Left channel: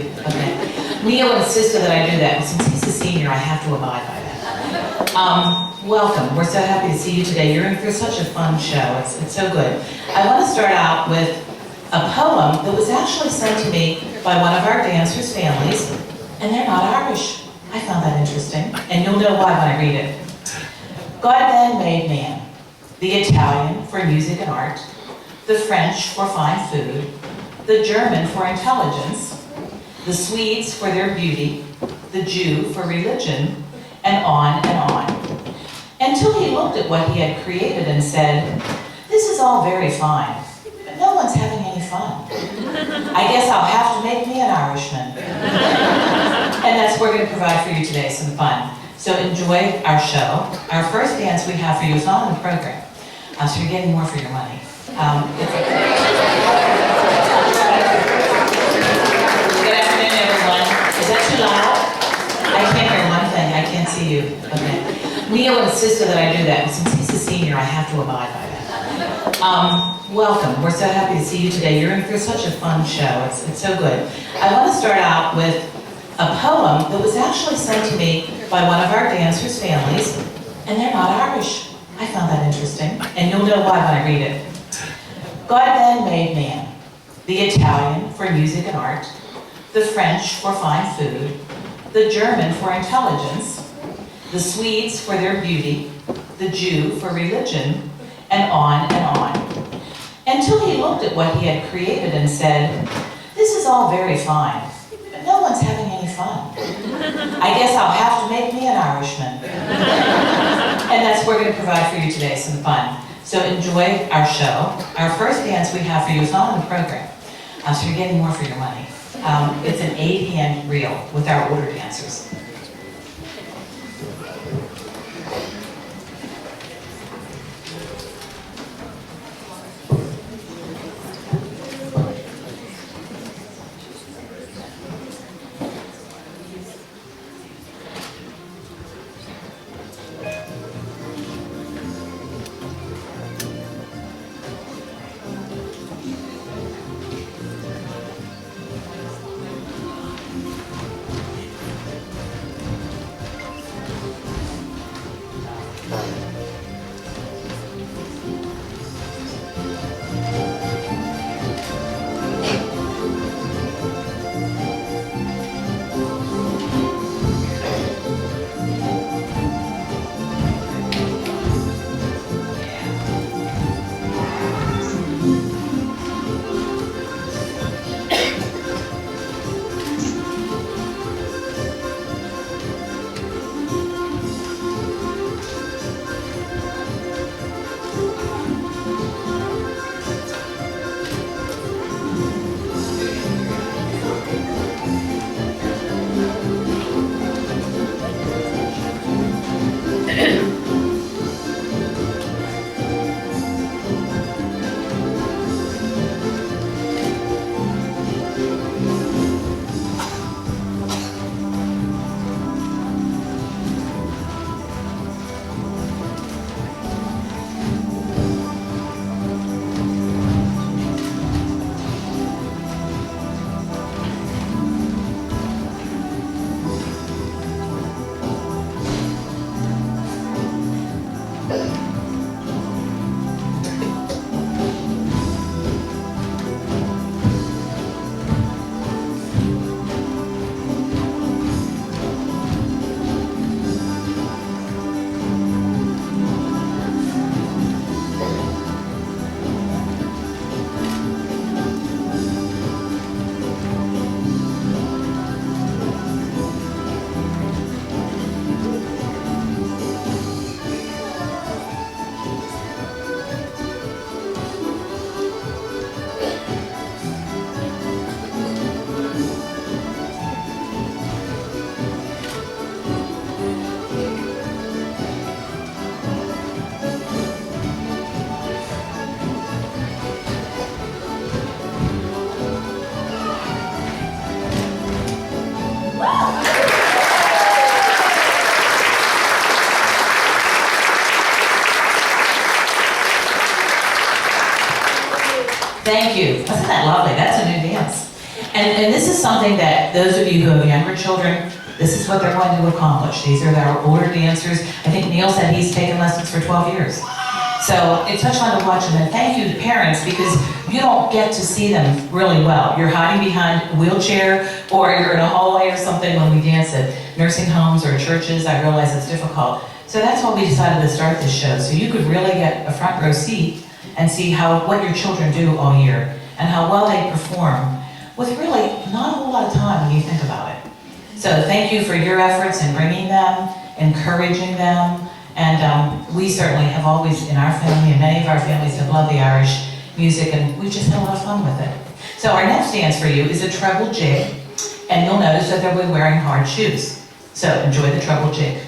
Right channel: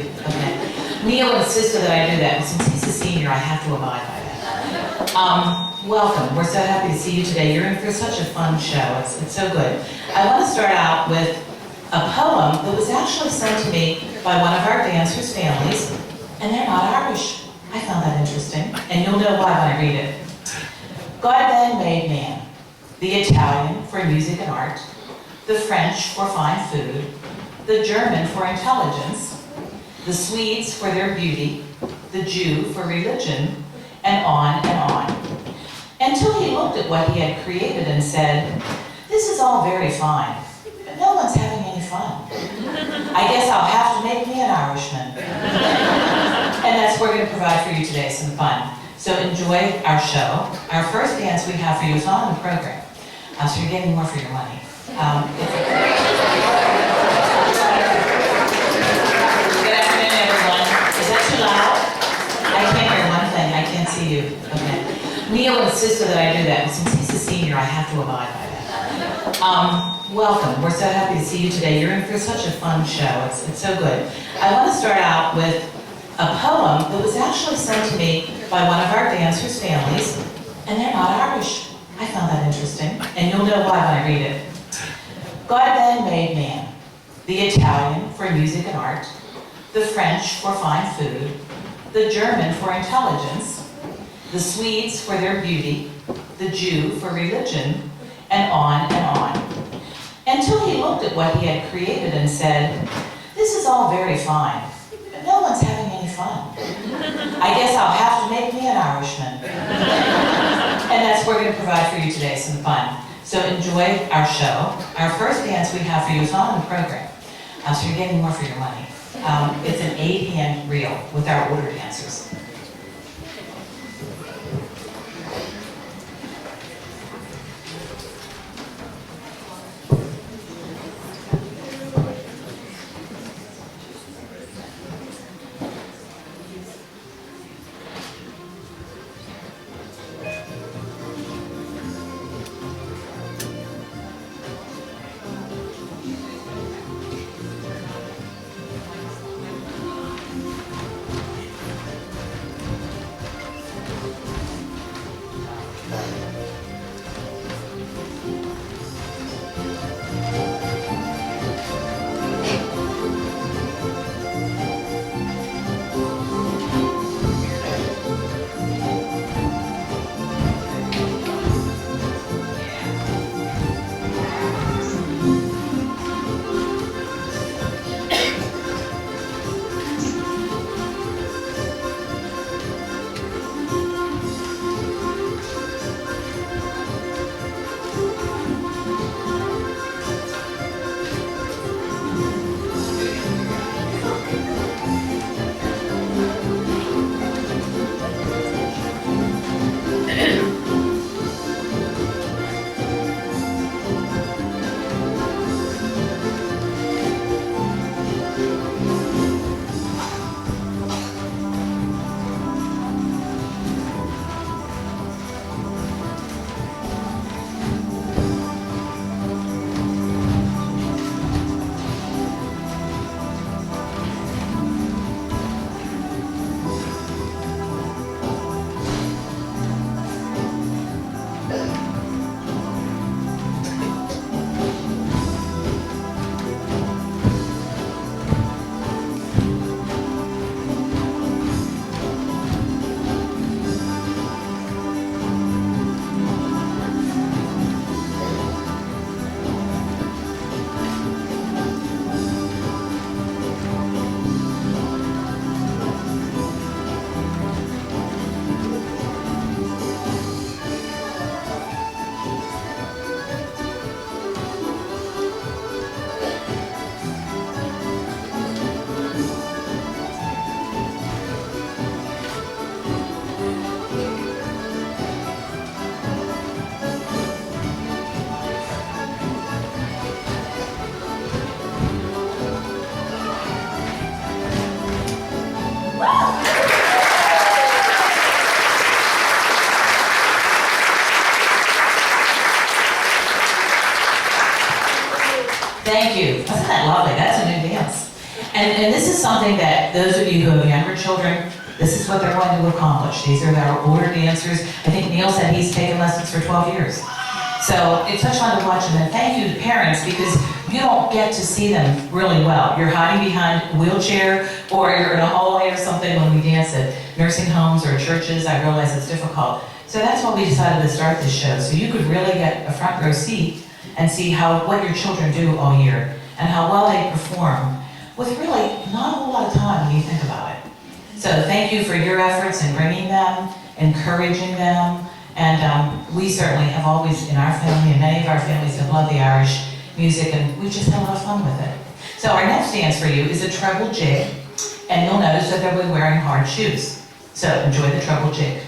you. Okay. Neil insisted that I do that, and since he's a senior, I have to abide by that. Welcome. We're so happy to see you today. You're in for such a fun show. It's so good. I want to start out with a poem that was actually sent to me by one of our dancers' families, and they're not Irish. I found that interesting, and you'll know why when I read it. God then made man, the Italian for music and art, the French for fine food, the German for intelligence, the Swedes for their beauty, the Jew for religion, and on and on. Until he looked at what he had created and said, "This is all very fine, but no one's having any fun. I guess I'll have to make me an Irishman." And that's what we're going to provide for you today, some fun. So enjoy our show. Our first dance we have for you is not on the program, so you're getting more for your money. Good afternoon, everyone. Is that too loud? I can't hear one thing. I can't see you. Okay. Neil insisted that I do that, and since he's a senior, I have to abide by that. Welcome. We're so happy to see you today. You're in for such a fun show. It's so good. I want to start out with a poem that was actually sent to me by one of our dancers' families, and they're not Irish. I found that interesting, and you'll know why when I read it. God then made man, the Italian for music and art, the French for fine food, the German for intelligence, the Swedes for their beauty, the Jew for religion, and on and on. Until he looked at what he had created and said, "This is all very fine, but no one's having any fun. I guess I'll have to make me an Irishman." And that's what we're going to provide for you today, some fun. So enjoy our show. Our first dance we have for you is not on the program, so you're getting more for your money. It's an 8-hand reel with our older dancers. Thank you. Isn't that lovely? That's a new dance. And this is something that those of you who have younger children, this is what they're going to accomplish. These are their older dancers. I think Neil said he's taken lessons for 12 years. So it's such fun to watch them. And thank you to parents, because you don't get to see them really well. You're hiding behind a wheelchair, or you're in a hallway or something when we dance at nursing homes or churches. I realize it's difficult. So that's why we decided to start this show, so you could really get a front row seat and see what your children do all year and how well they perform with really not a whole lot of time when you think about it. So thank you for your efforts in bringing them, encouraging them, and we certainly have always, in our family, and many of our families have loved the Irish music, and we've just had a lot of fun with it. So our next dance for you is a treble jig, and you'll notice that they'll be wearing hard shoes. So enjoy the treble jig.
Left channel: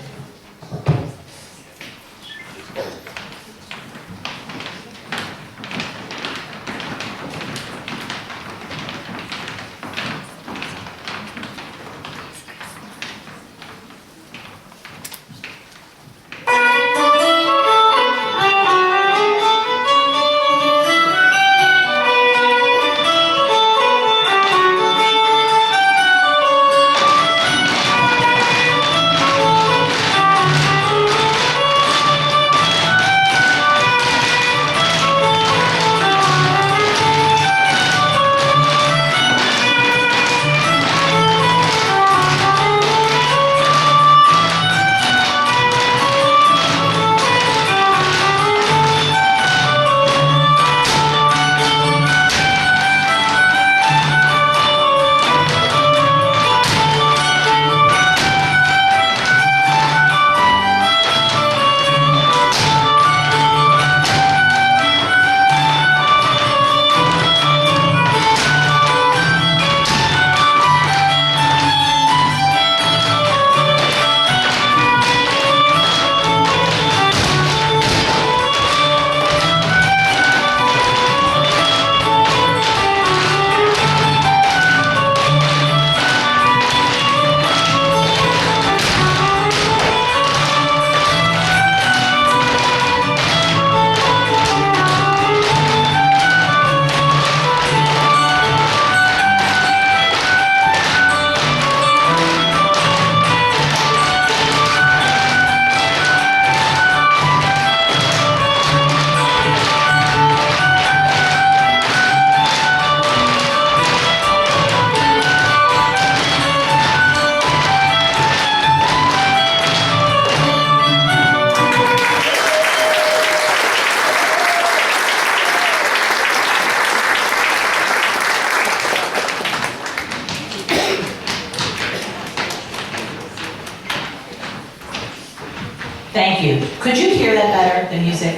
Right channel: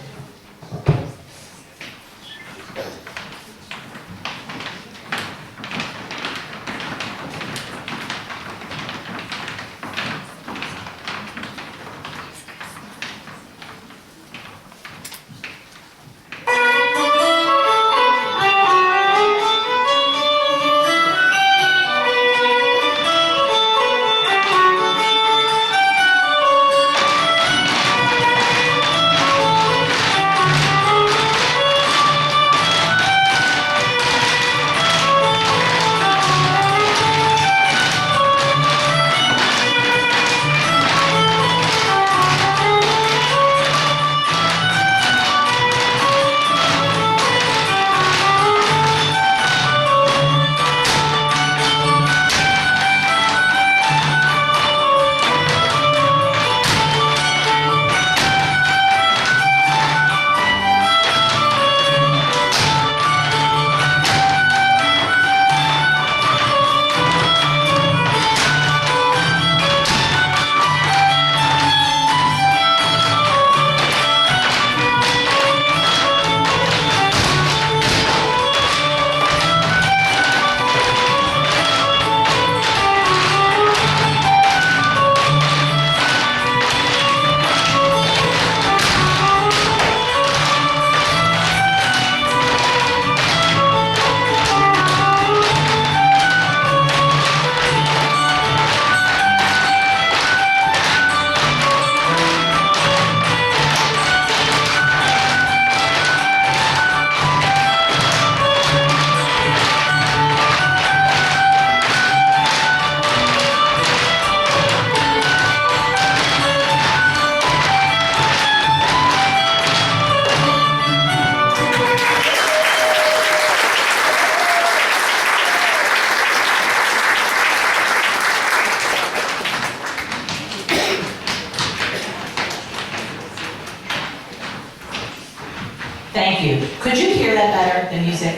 Thank you. Could you hear that better, the music?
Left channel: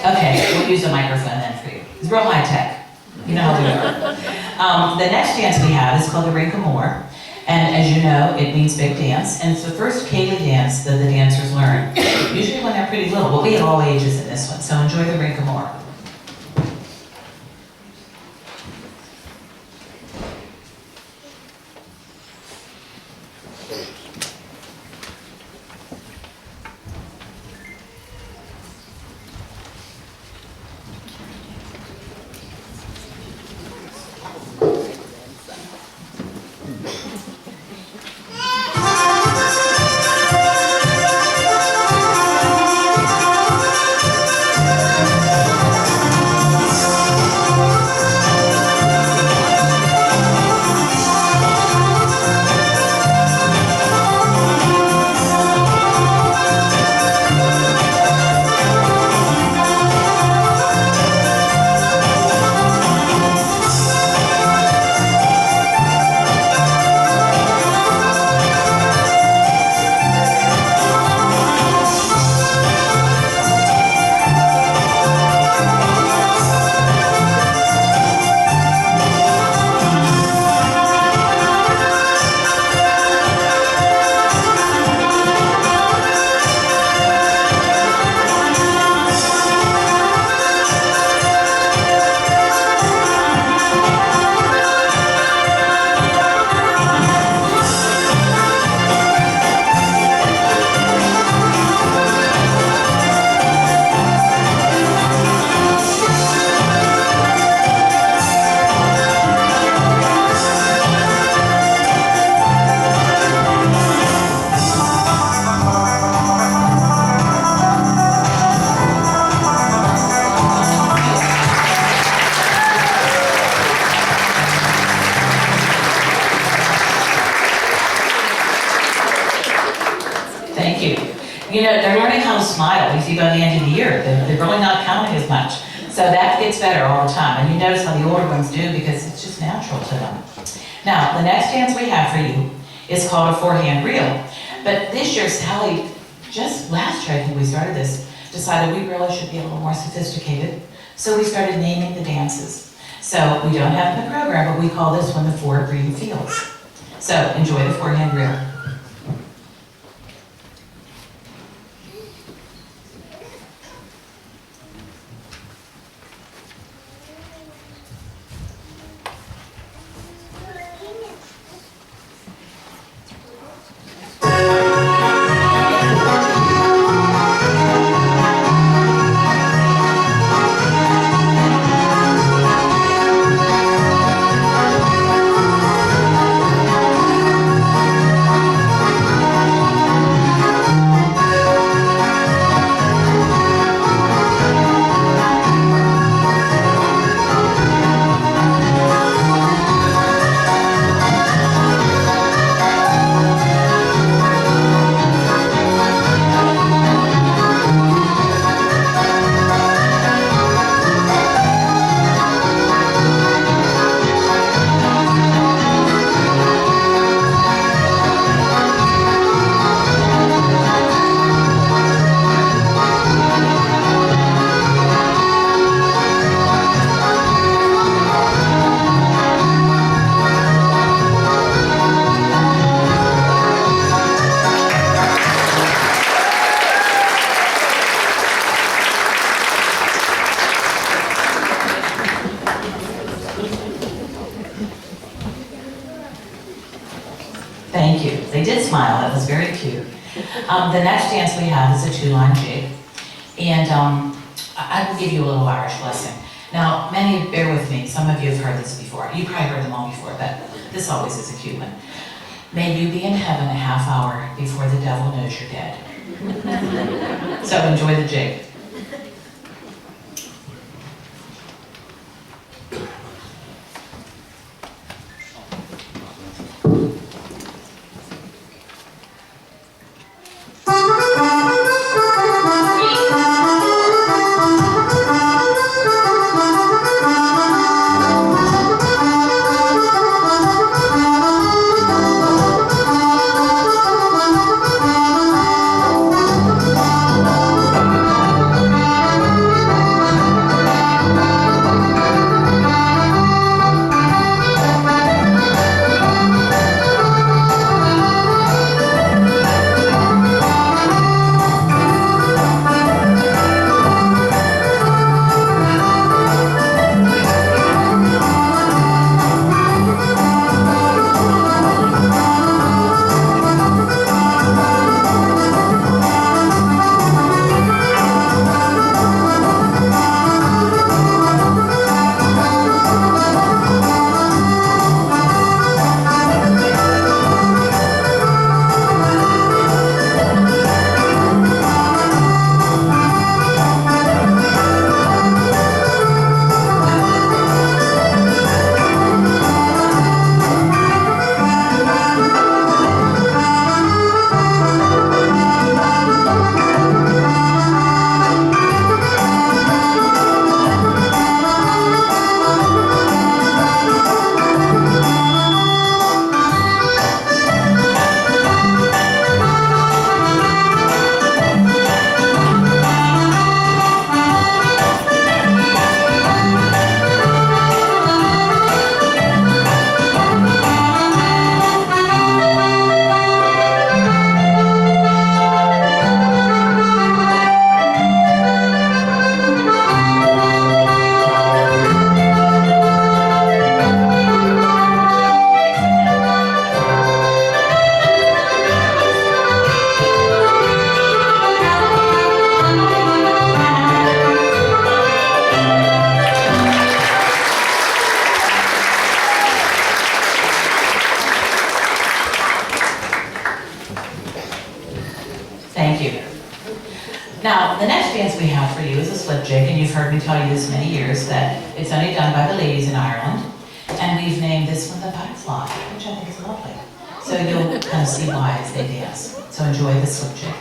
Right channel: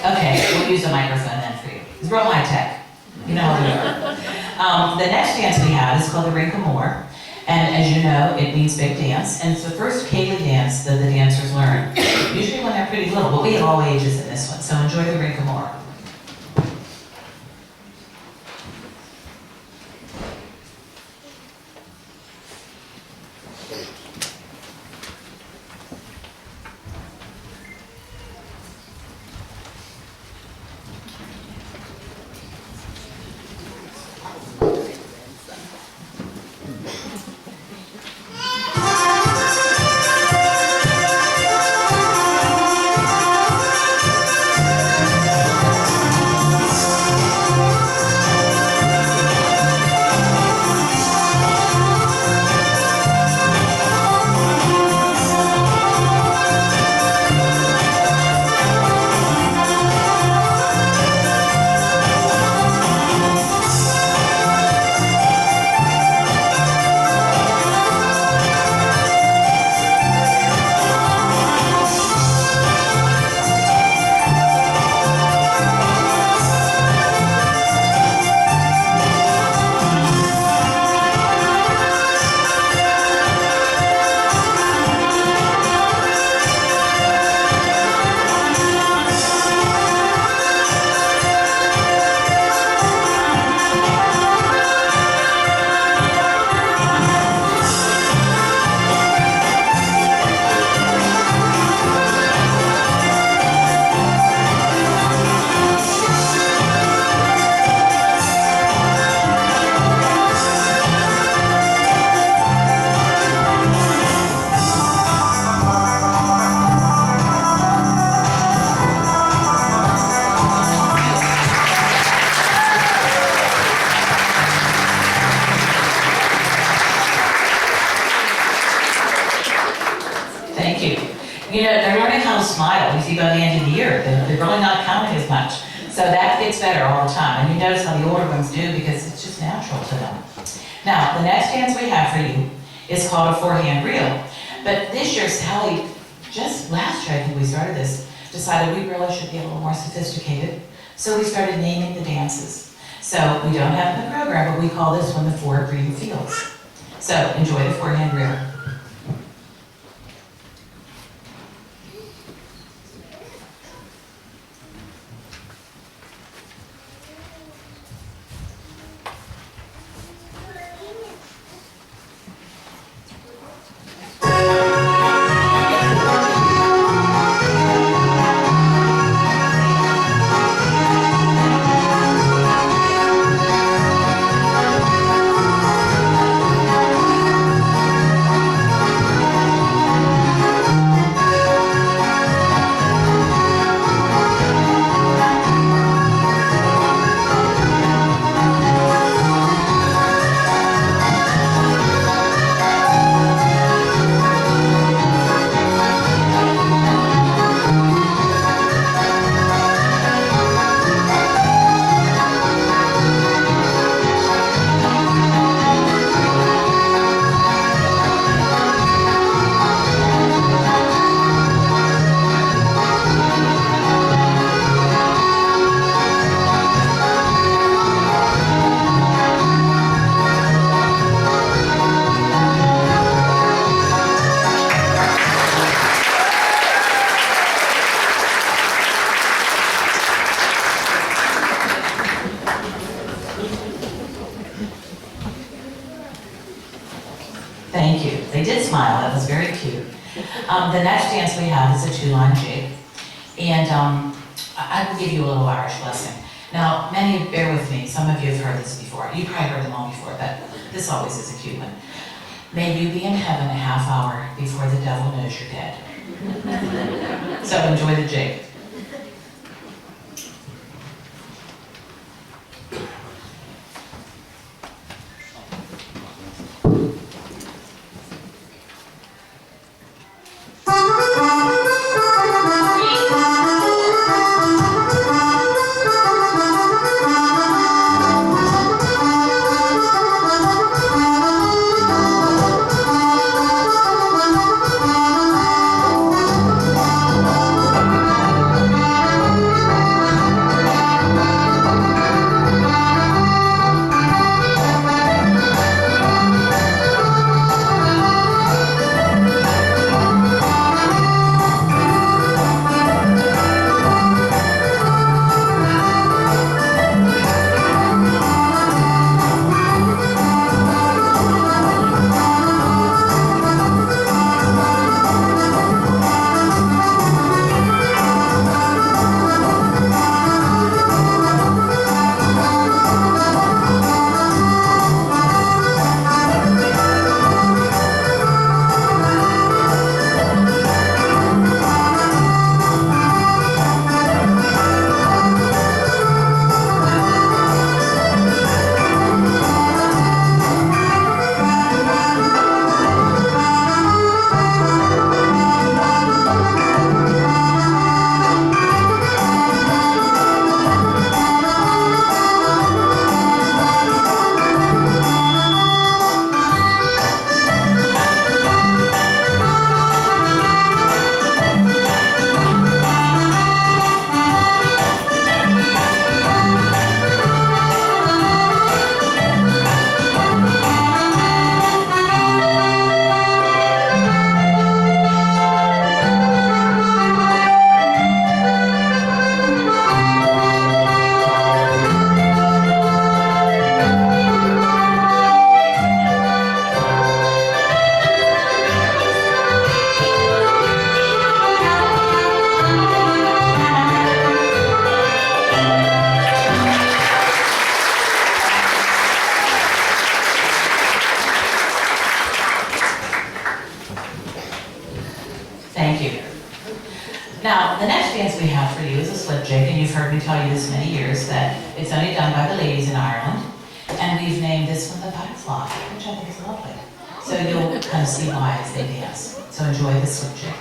Okay, we'll use a microphone then for you. It's real high tech. You know how we work. The next dance we have is called the Rinkamore. And as you know, it means big dance. And it's the first Ceilidh dance that the dancers learn. Usually when they're pretty little, but we have all ages in this one. So enjoy the Rinkamore. smile. You see by the end of the year, they're really not counting as much. So that gets better all the time. And you notice how the older ones do because it's just natural to them. Now, the next dance we have for you is called a four-hand reel. But this year, Sally, just last year I think we started this, decided we really should be a little more sophisticated. So we started naming the dances. So we don't have it in the program, but we call this one the Four Green Fields. So enjoy the four-hand reel. Thank you. They did smile. That was very cute. The next dance we have is a two-line jig. And I will give you a little Irish lesson. Now, many, bear with me, some of you have heard this before. You probably heard them all before, but this always is a cute one. May you be in heaven a half hour before the devil knows you're dead. So enjoy the jig. Thank you. Now, the next dance we have for you is a slip jig, and you've heard me tell you this many years that it's only done by the ladies in Ireland, and we've named this one the butterfly, which I think is lovely. So you'll kind of see why as they dance. So enjoy the slip jig.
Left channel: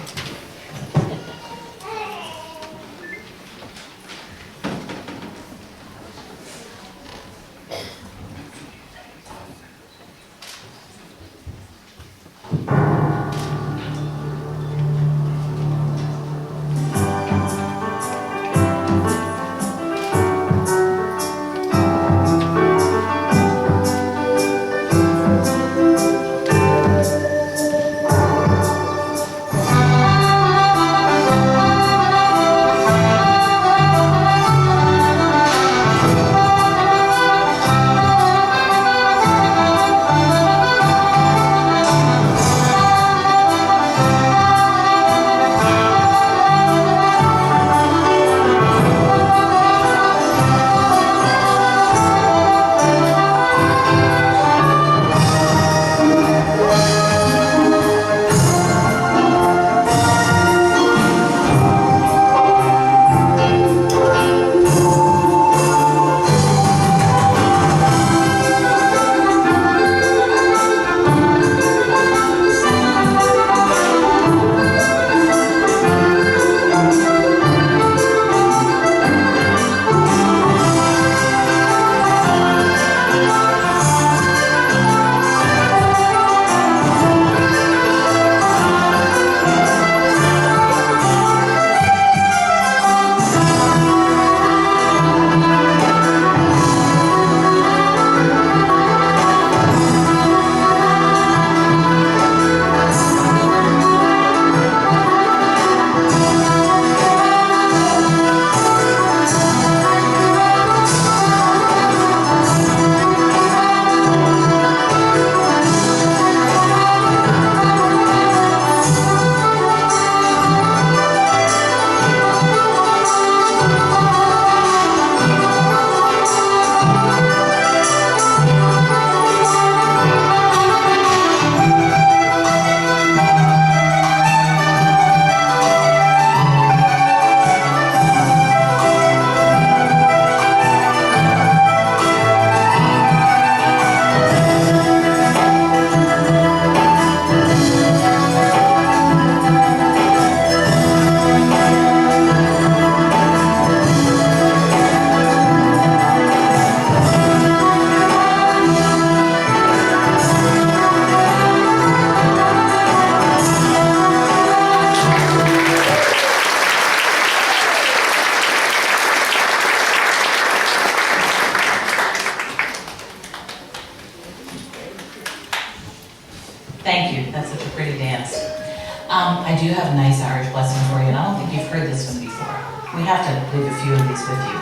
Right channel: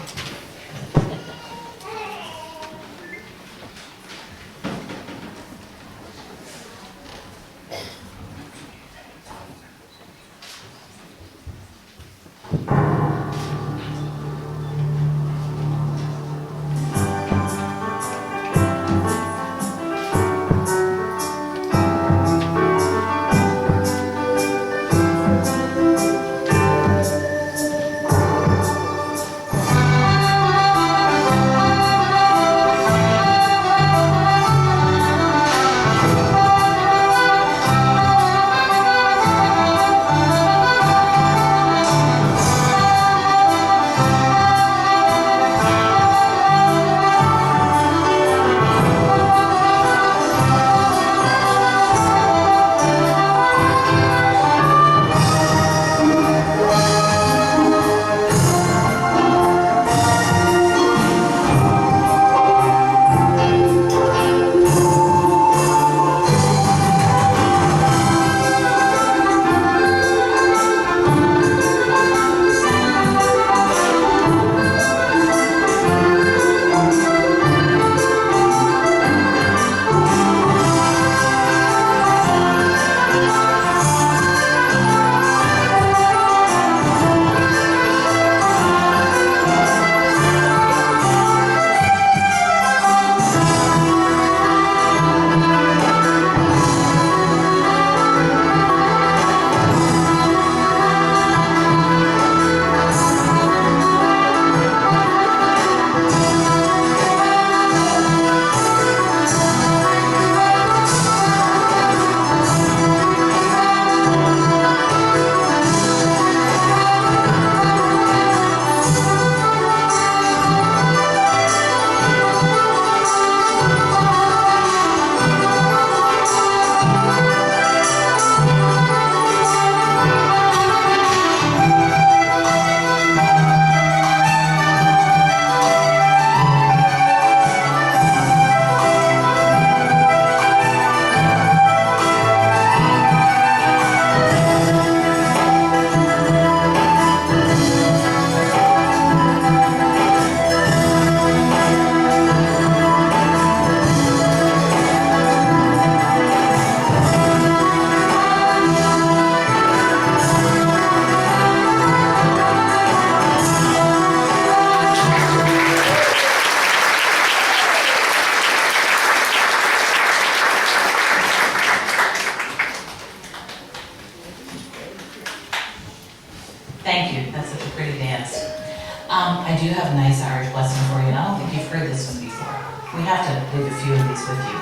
We have to leave a few of these with you.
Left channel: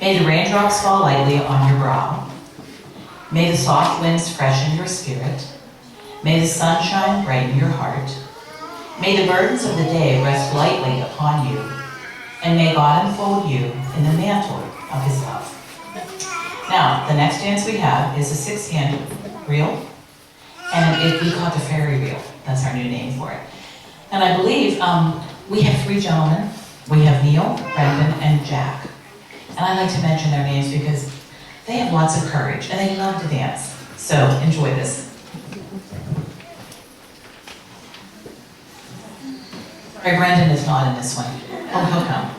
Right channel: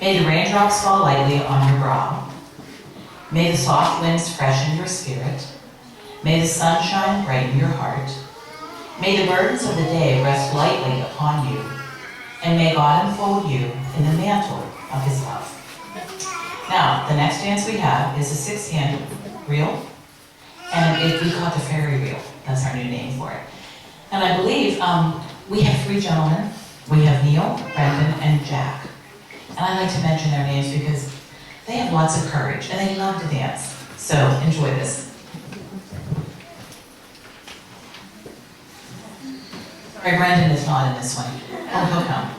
May the raindrops fall lightly on your brow. May the soft winds freshen your spirit. May the sunshine brighten your heart. May the burdens of the day rest lightly upon you. And may God enfold you in the mantle of his love. Now, the next dance we have is a 6-hand reel. And we call it the fairy reel. That's our new name for it. And I believe we have 3 gentlemen. We have Neil, Brendan, and Jack. And I like to mention their names because they have lots of courage and they love to dance. So enjoy this. Sorry, Brendan is not in this one. Oh, he'll come.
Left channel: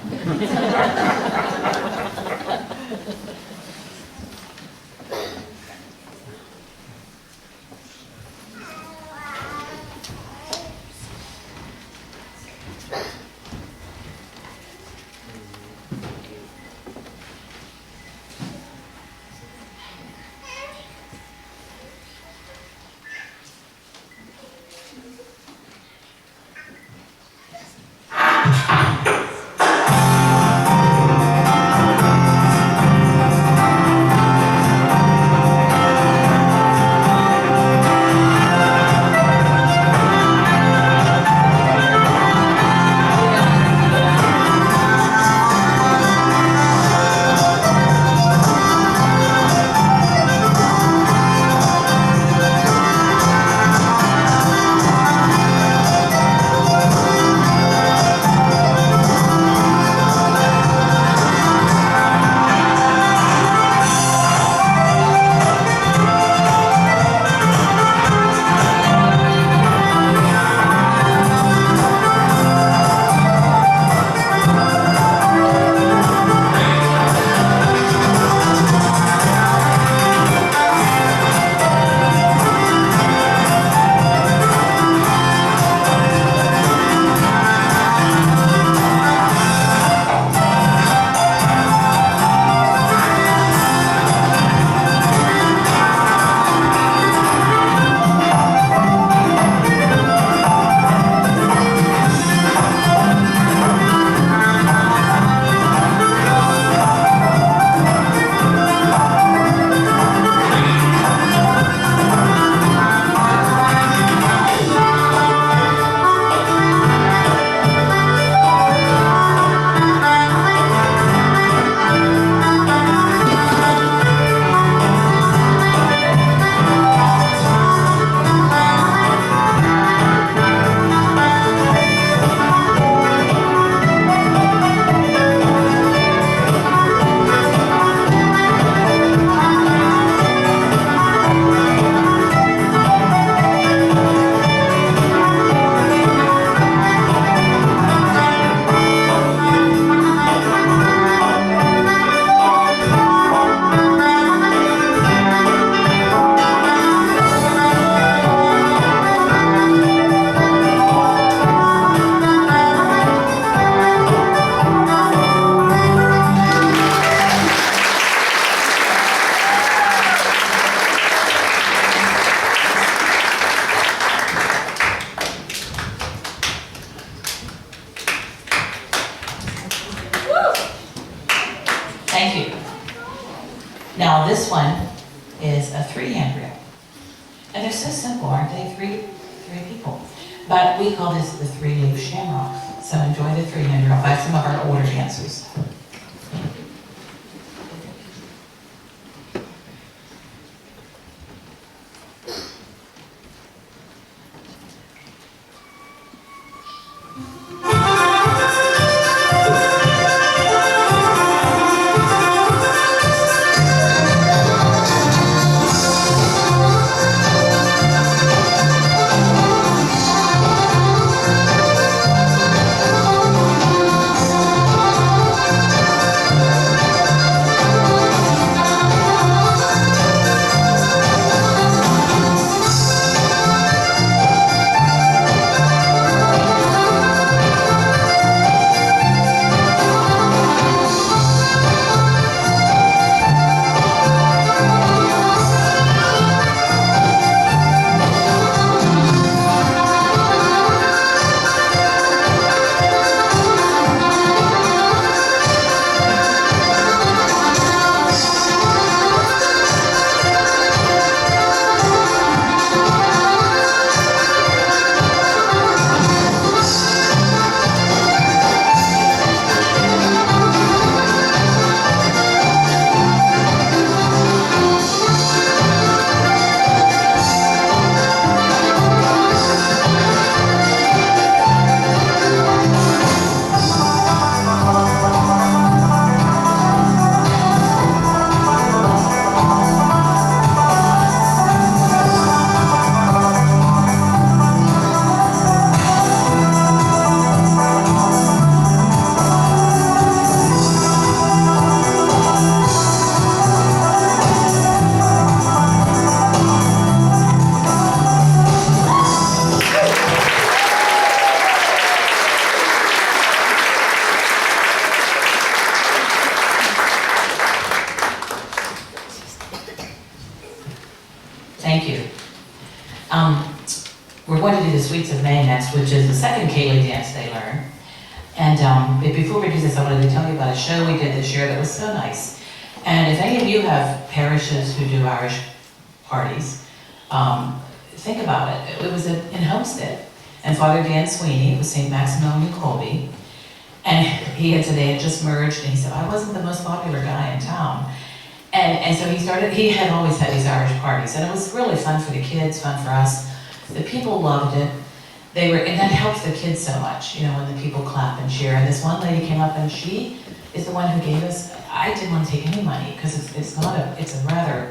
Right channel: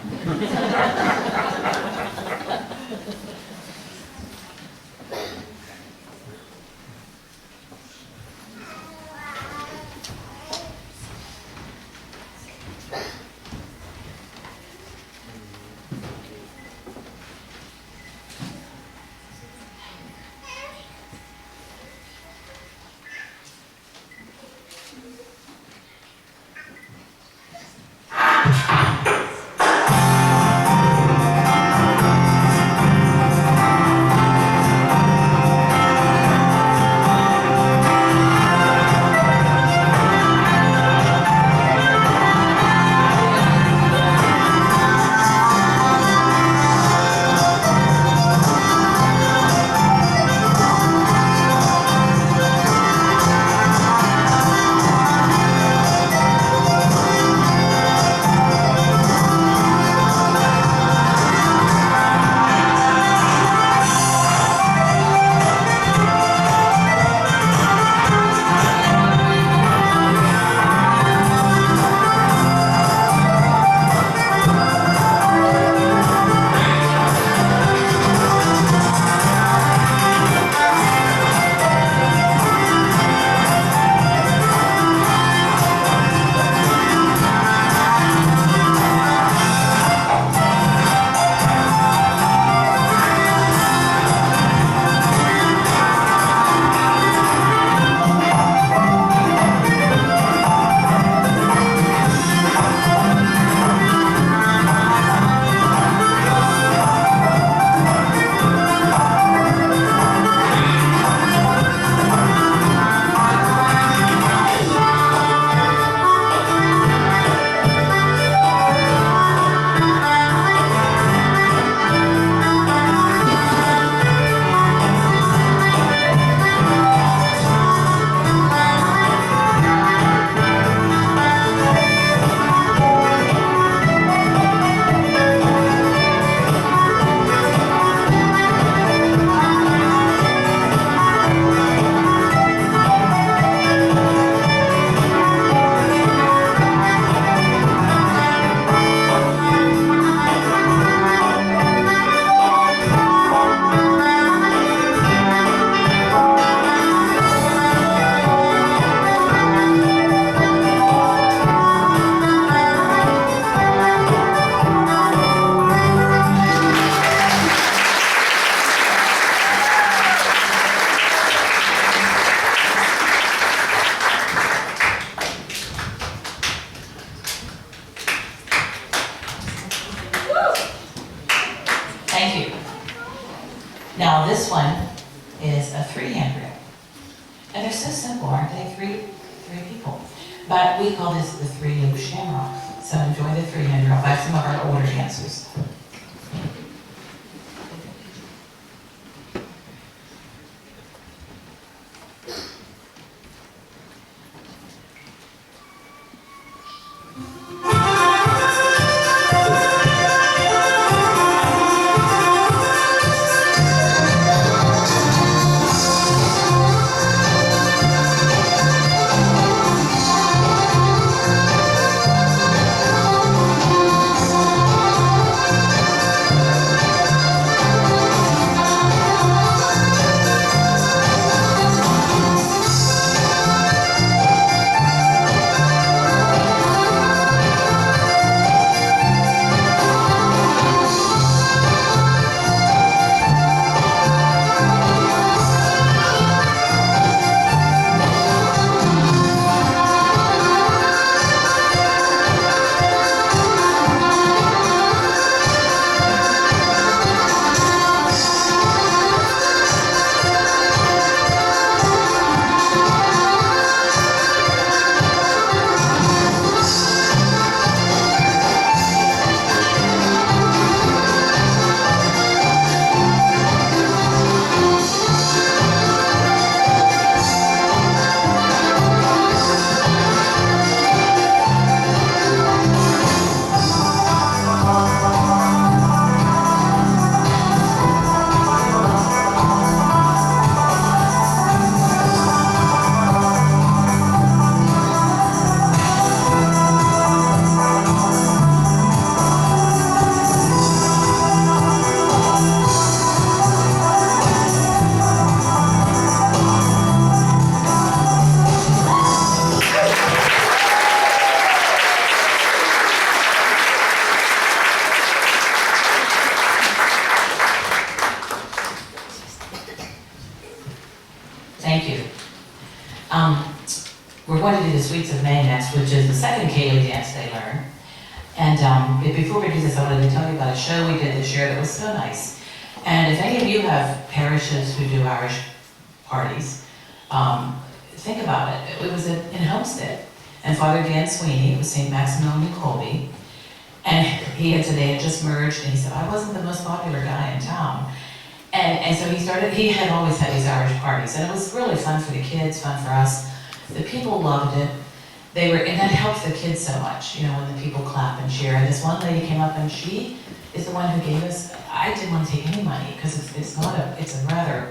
Thank you. Now this one is a 3-hand reel. And they're so simple, aren't they? Three people. But we call this the 3-loop shamrock. So enjoy the 3-hand reel by some of our older dancers. the Sweets of May next, which is the second Ceilidh dance they learn. And but before we do this, I wanted to tell you about a show we did this year that was so nice. And if any of you have parishes who do Irish parties, think about it. It was in Homestead, and Father Dan Sweeney was St. Maximilian Colby, and they had just merged, and he said, I wasn't the most popular guy in town. And so he had always had these Irish parties, and it was really fun for the kids, fun for us. The people loved it. And that helps the kids so much, when the people clap and cheer. And this one lady came up, and she is the one who gave us, I didn't want to take any money, because it's a rather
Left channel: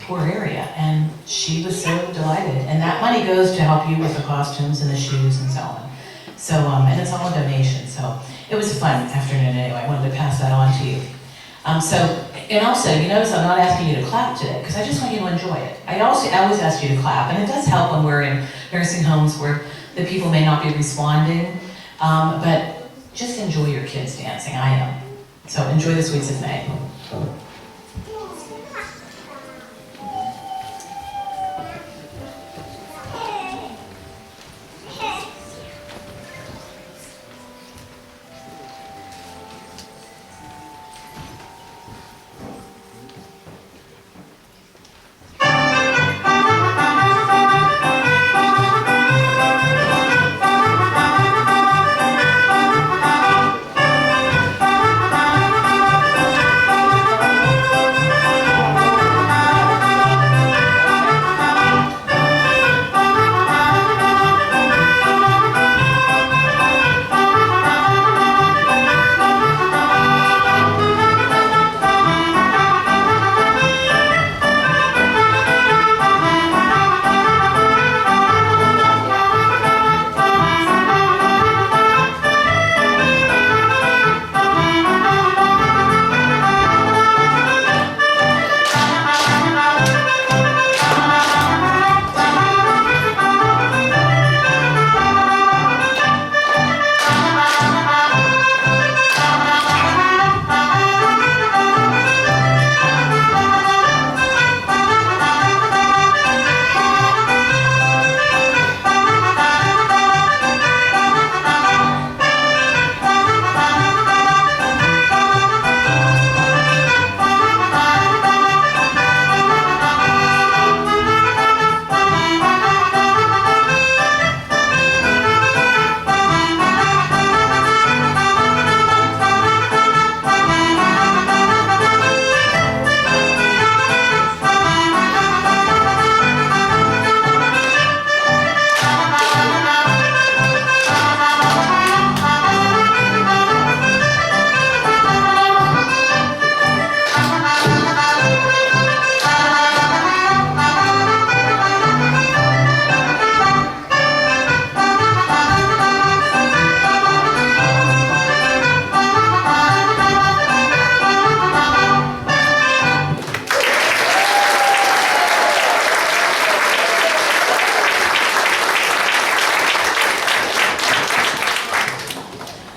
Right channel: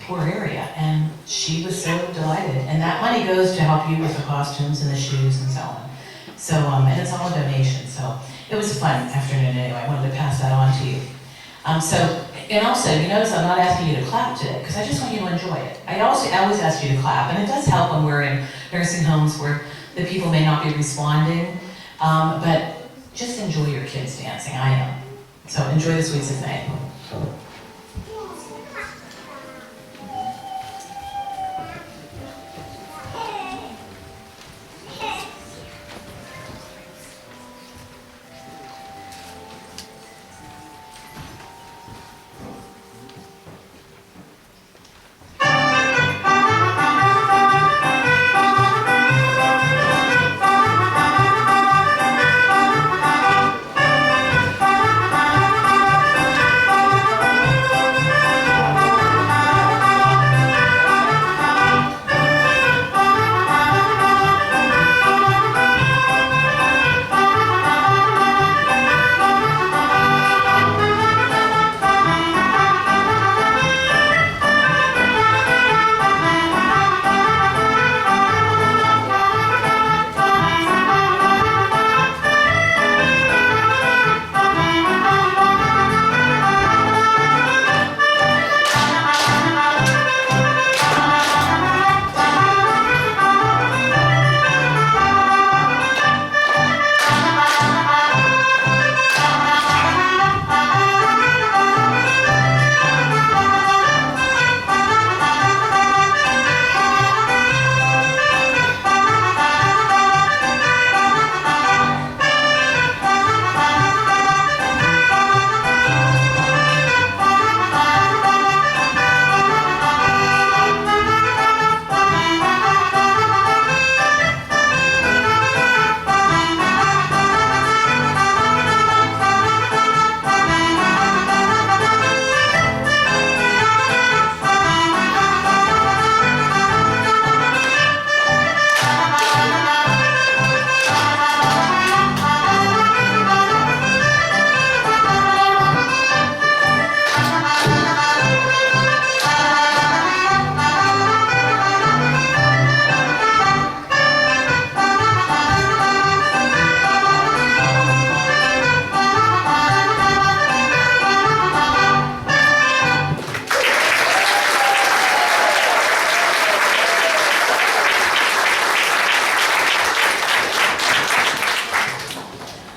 poor area, and she was so delighted. And that money goes to help you with the costumes and the shoes and so on. So, and it's all a donation, so it was a fun afternoon anyway. I wanted to pass that on to you. And also, you notice I'm not asking you to clap today, because I just want you to enjoy it. I always ask you to clap, and it does help when we're in nursing homes where the people may not be responding, but just enjoy your kids dancing. I am. So enjoy the Sweets of May.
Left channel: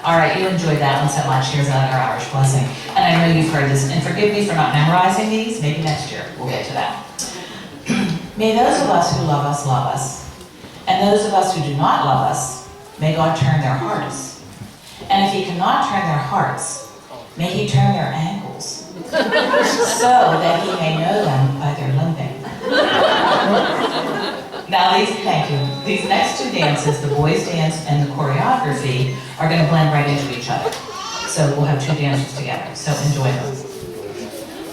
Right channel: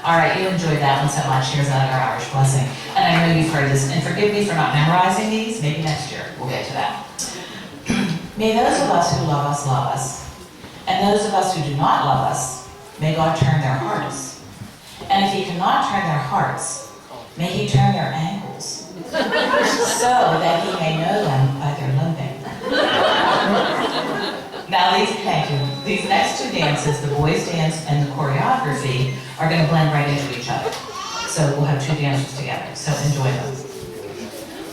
All right, you enjoyed that one so much. Here's another Irish blessing. And I know you've heard this, and forgive me for not memorizing these. Maybe next year we'll get to that. May those of us who love us, and those of us who do not love us, may God turn their hearts. And if he cannot turn their hearts, may he turn their ankles, so that he may know them by their limping. Now thank you. These next two dances, the boys' dance and the choreography, are going to blend right into each other. So we'll have two dances together. So enjoy them.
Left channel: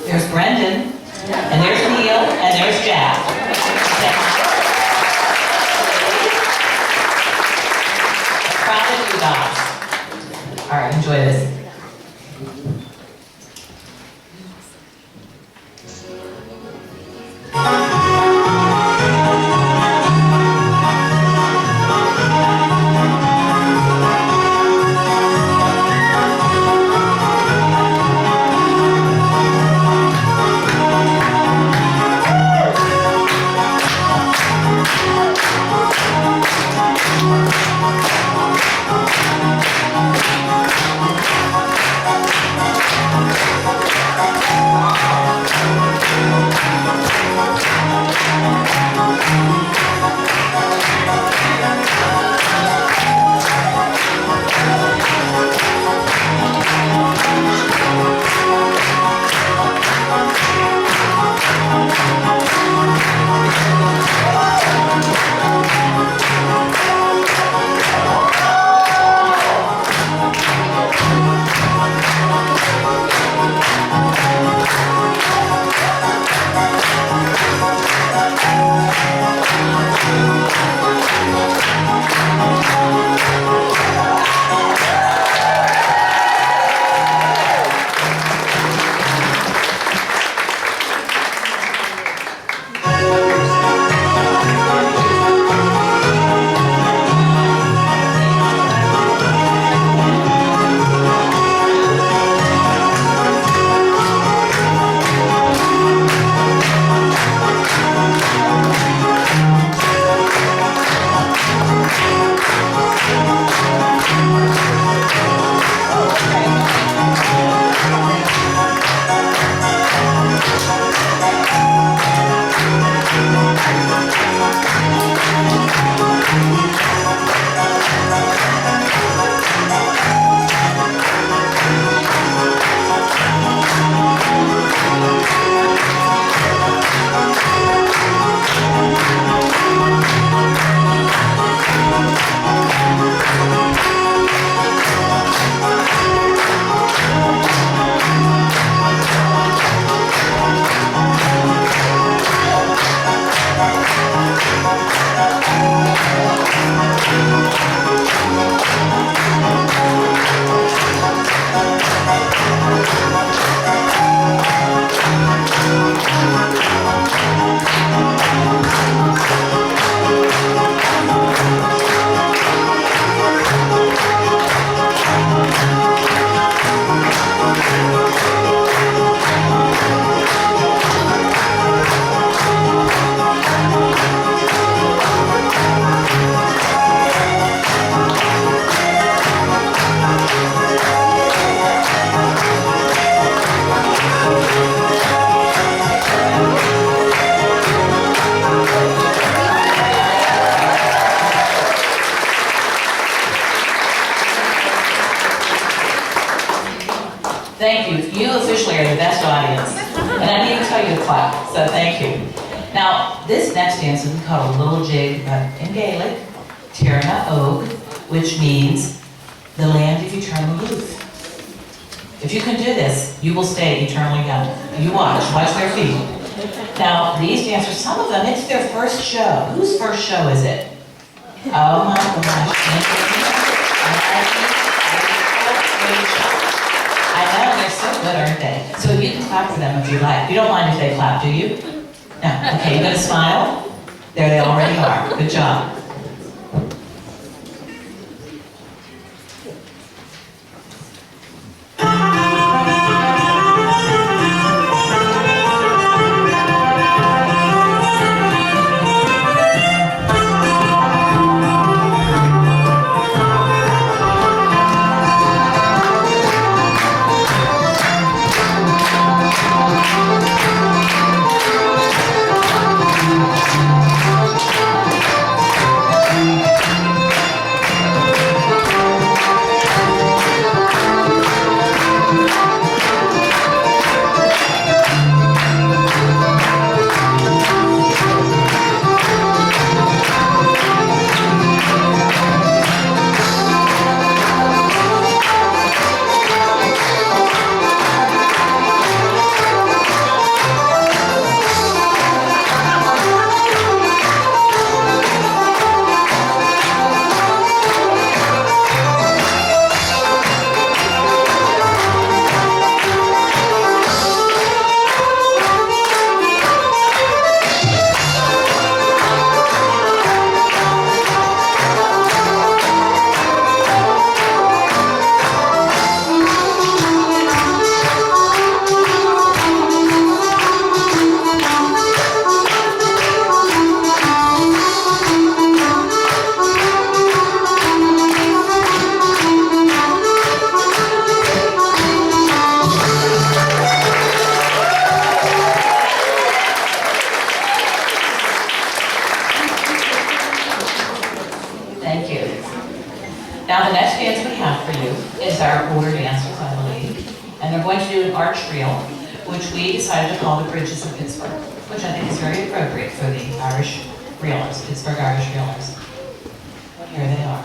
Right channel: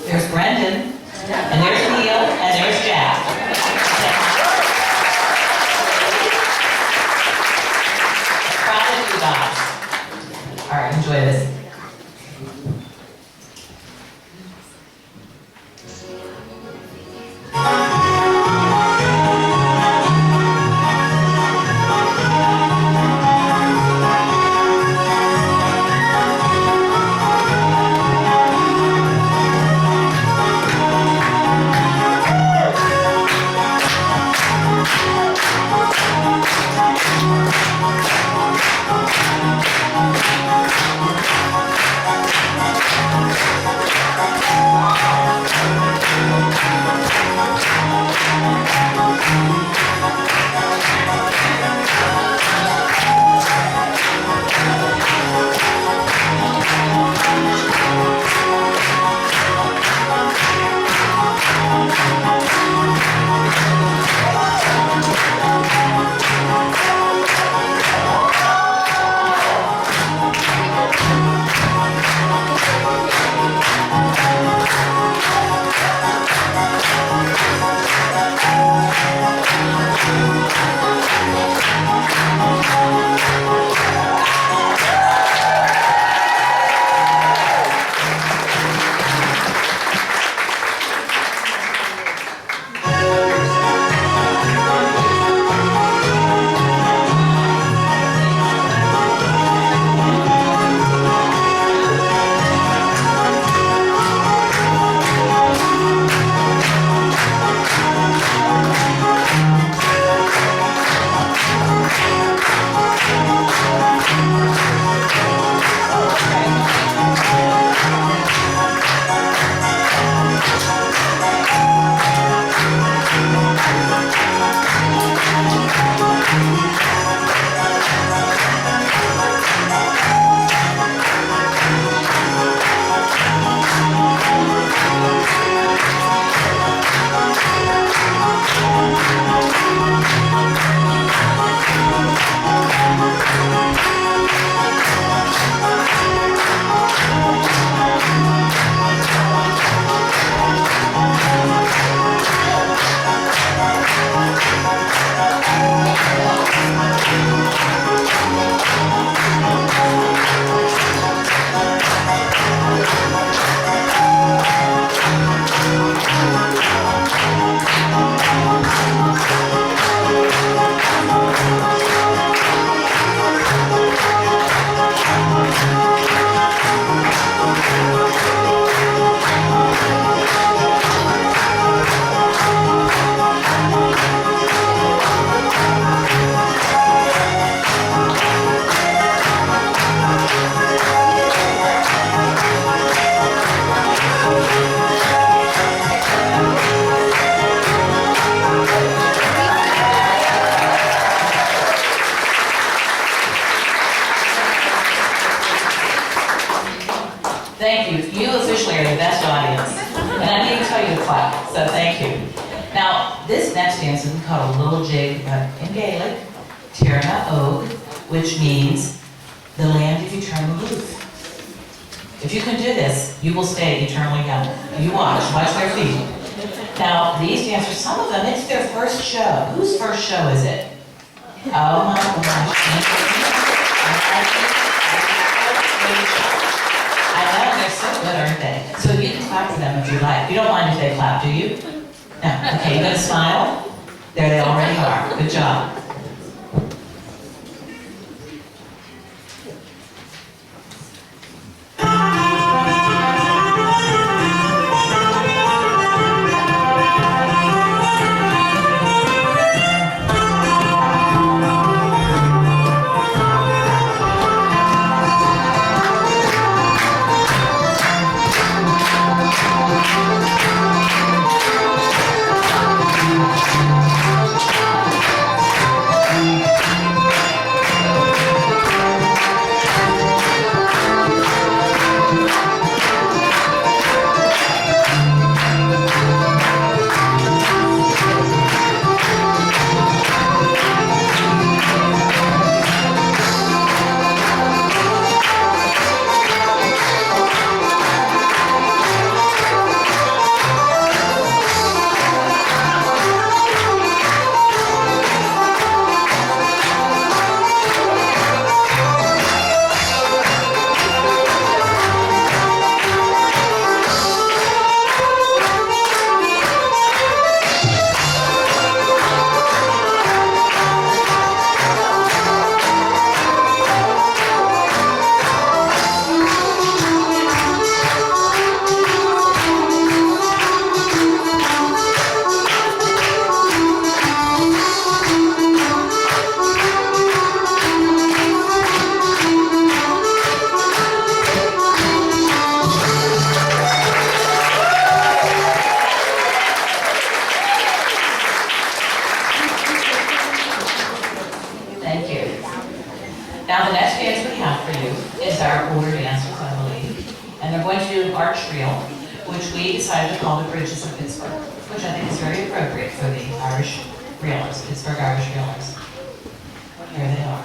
There's Brendan, and there's Neil, and there's Jack. Proud of you guys. All right, enjoy this. Thank you. You officially are the best audience. And I need to tell you to clap, so thank you. Now, this next dance is called a little jig in Gaelic, Tirna Og, which means the land of eternal youth. If you can do this, you will stay eternally young. You watch their feet. Now, these dancers, some of them, it's their first show. Whose first show is it? Oh my gosh. I know, they're so good, aren't they? So you can clap for them if you like. You don't mind if they clap, do you? No. Okay, you gonna smile? There they already are. Good job. Now the next dance we have for you is our order dancers, I believe. And they're going to do an arch reel, which we decided to call the Bridges of Pittsburgh, which I think is very appropriate for the Irish reelers, Pittsburgh Irish reelers. Here they are.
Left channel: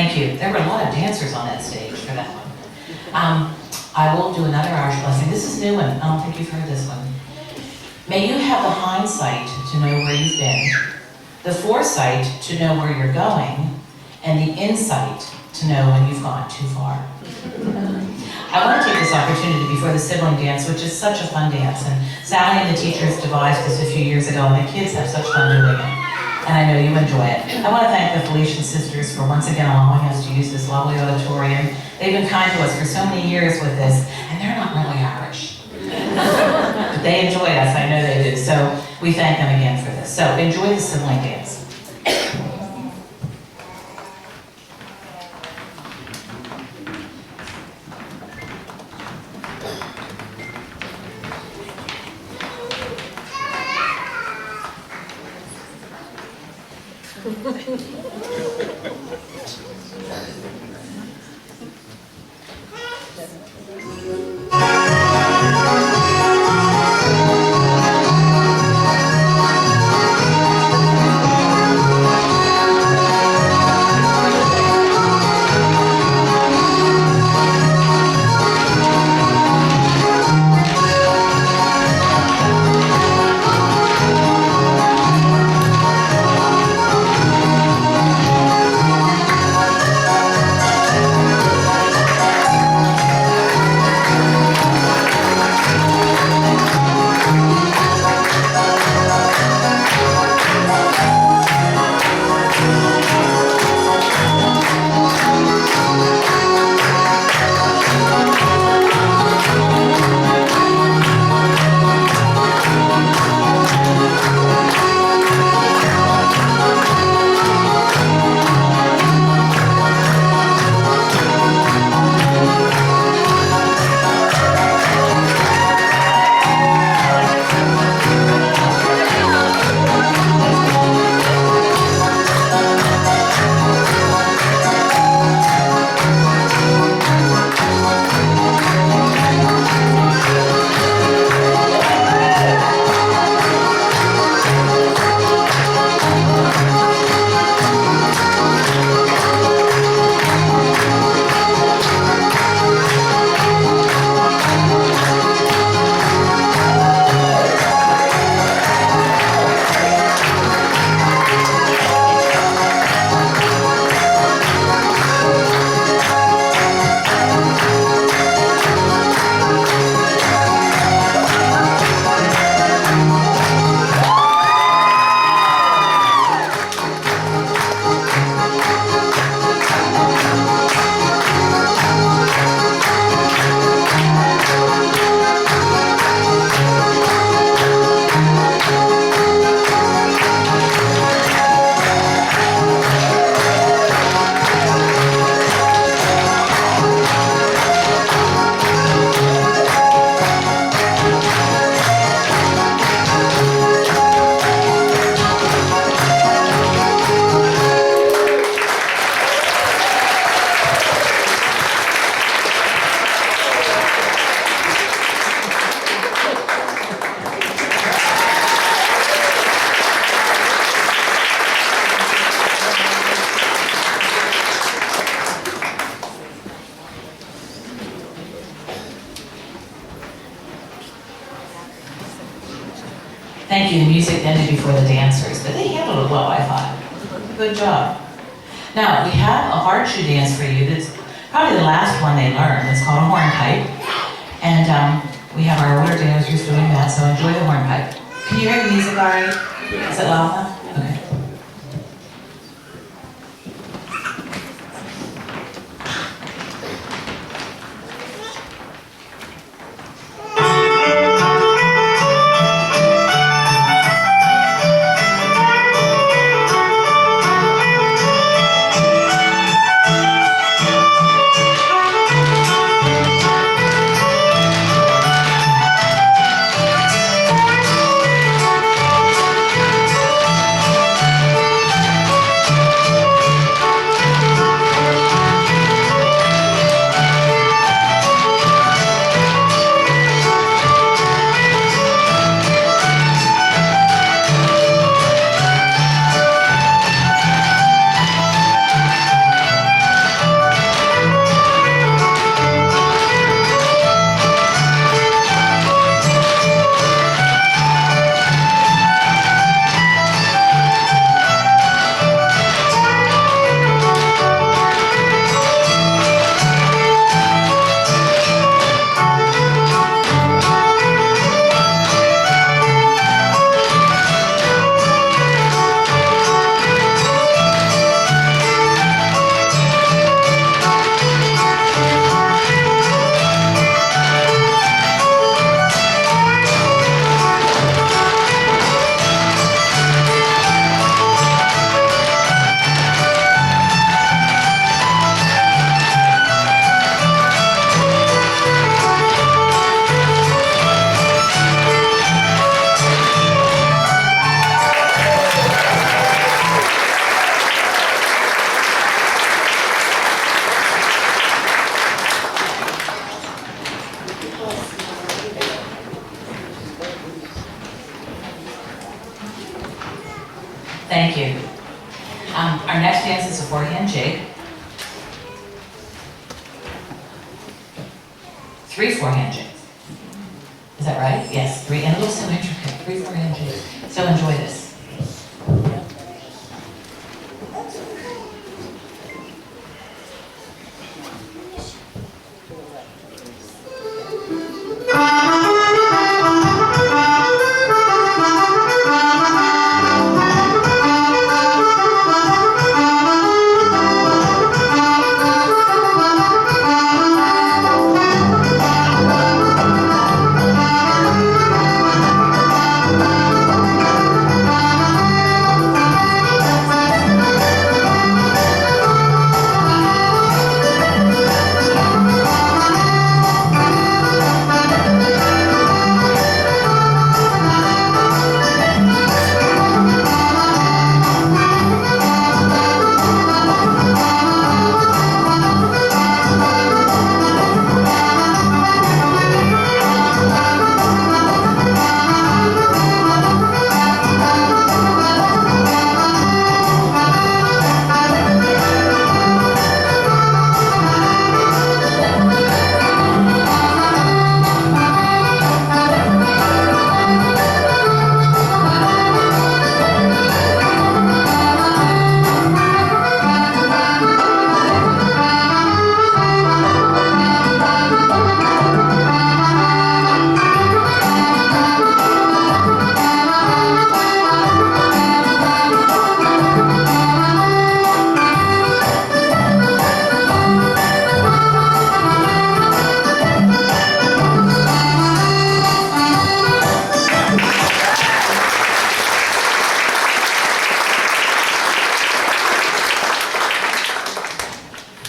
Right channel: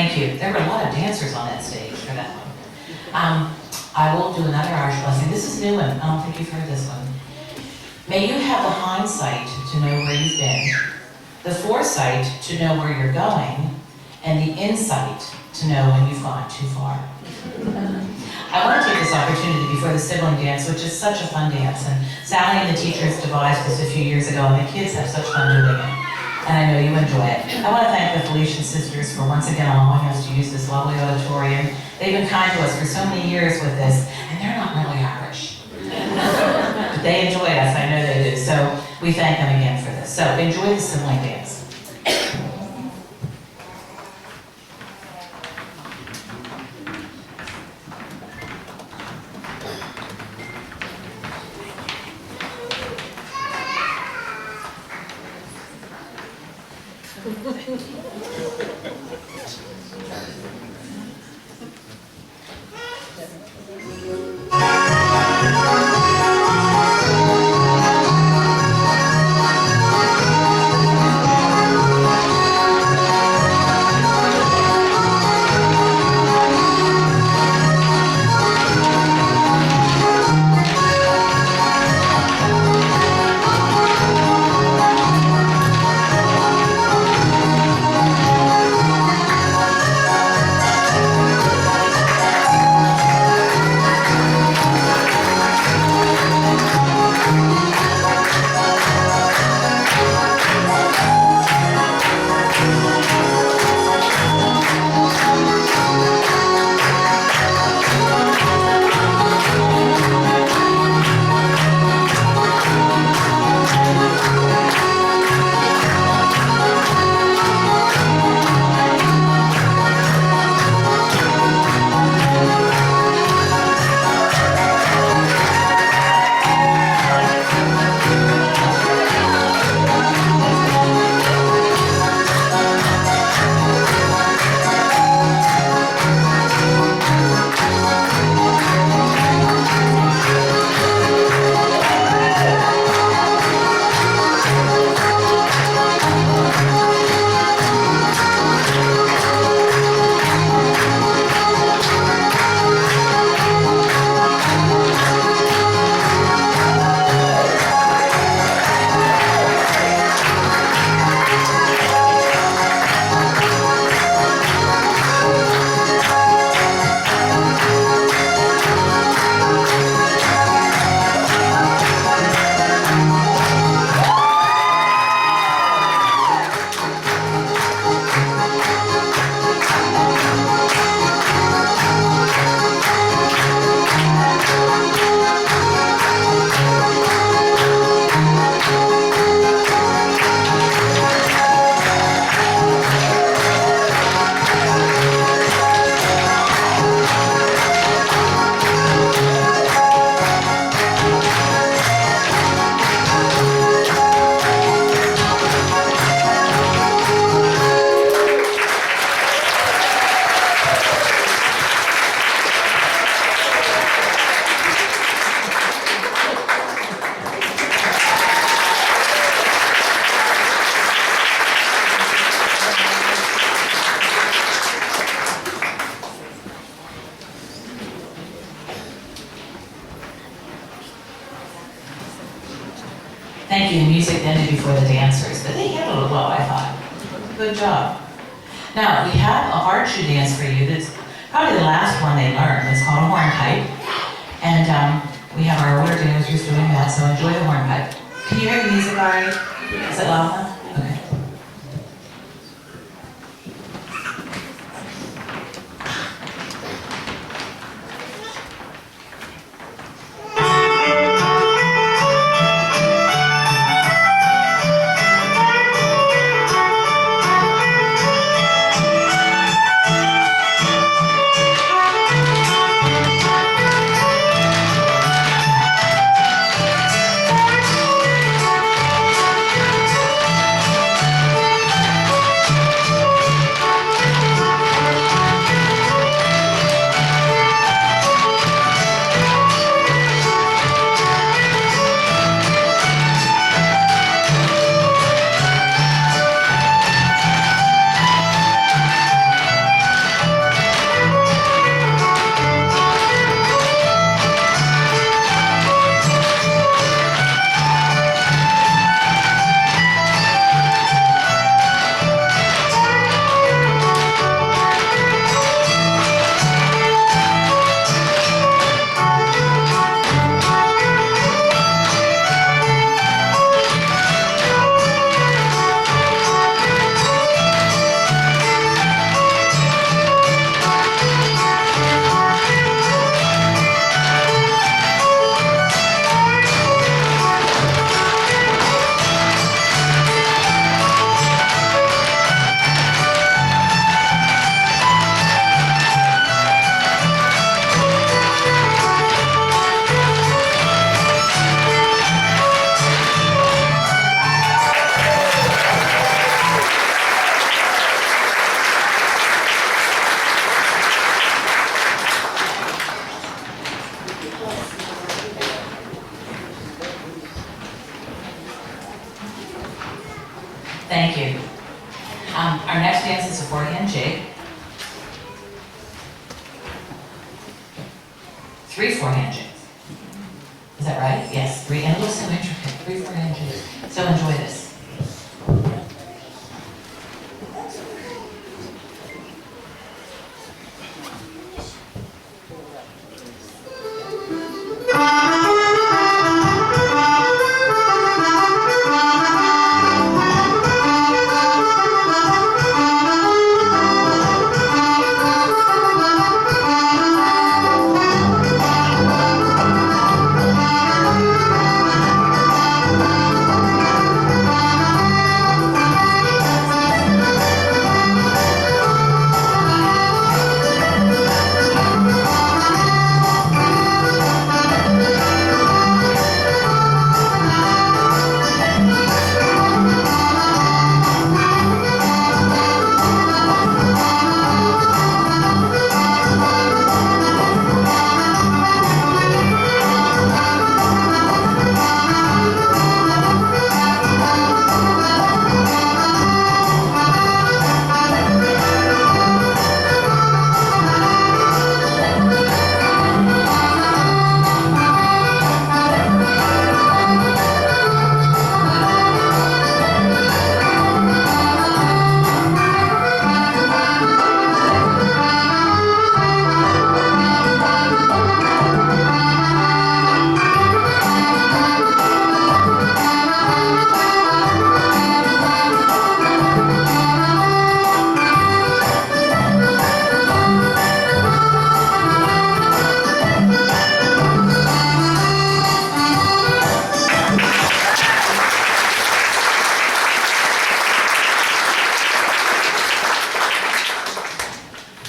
Thank you. There were a lot of dancers on that stage for that one. I will do another Irish blessing. This is a new one. I don't think you've heard this one. May you have the hindsight to know where you've been, the foresight to know where you're going, and the insight to know when you've gone too far. I want to take this opportunity before the sibling dance, which is such a fun dance, and Sally and the teachers devised this a few years ago, and the kids have such fun doing it, and I know you enjoy it. I want to thank the Felician sisters for once again allowing us to use this lovely auditorium. They've been kind to us for so many years with this, and they're not really Irish. But they enjoyed us, I know they do, so we thank them again for this. So enjoy the sibling dance. Thank you. The music ended before the dancers, but they handled it well, I thought. Good job. Now, we have a hard shoe dance for you. That's probably the last one they learned. It's called a hornpipe. And we have our older dancers doing that, so enjoy the hornpipe. Can you hear the music all right? Is it loud enough? Okay. Thank you. Our next dance is a four-hand jig. 3 four-hand jigs. Is that right? Yes, 3, and it looks so intricate, 3 four-hand jigs. So enjoy this.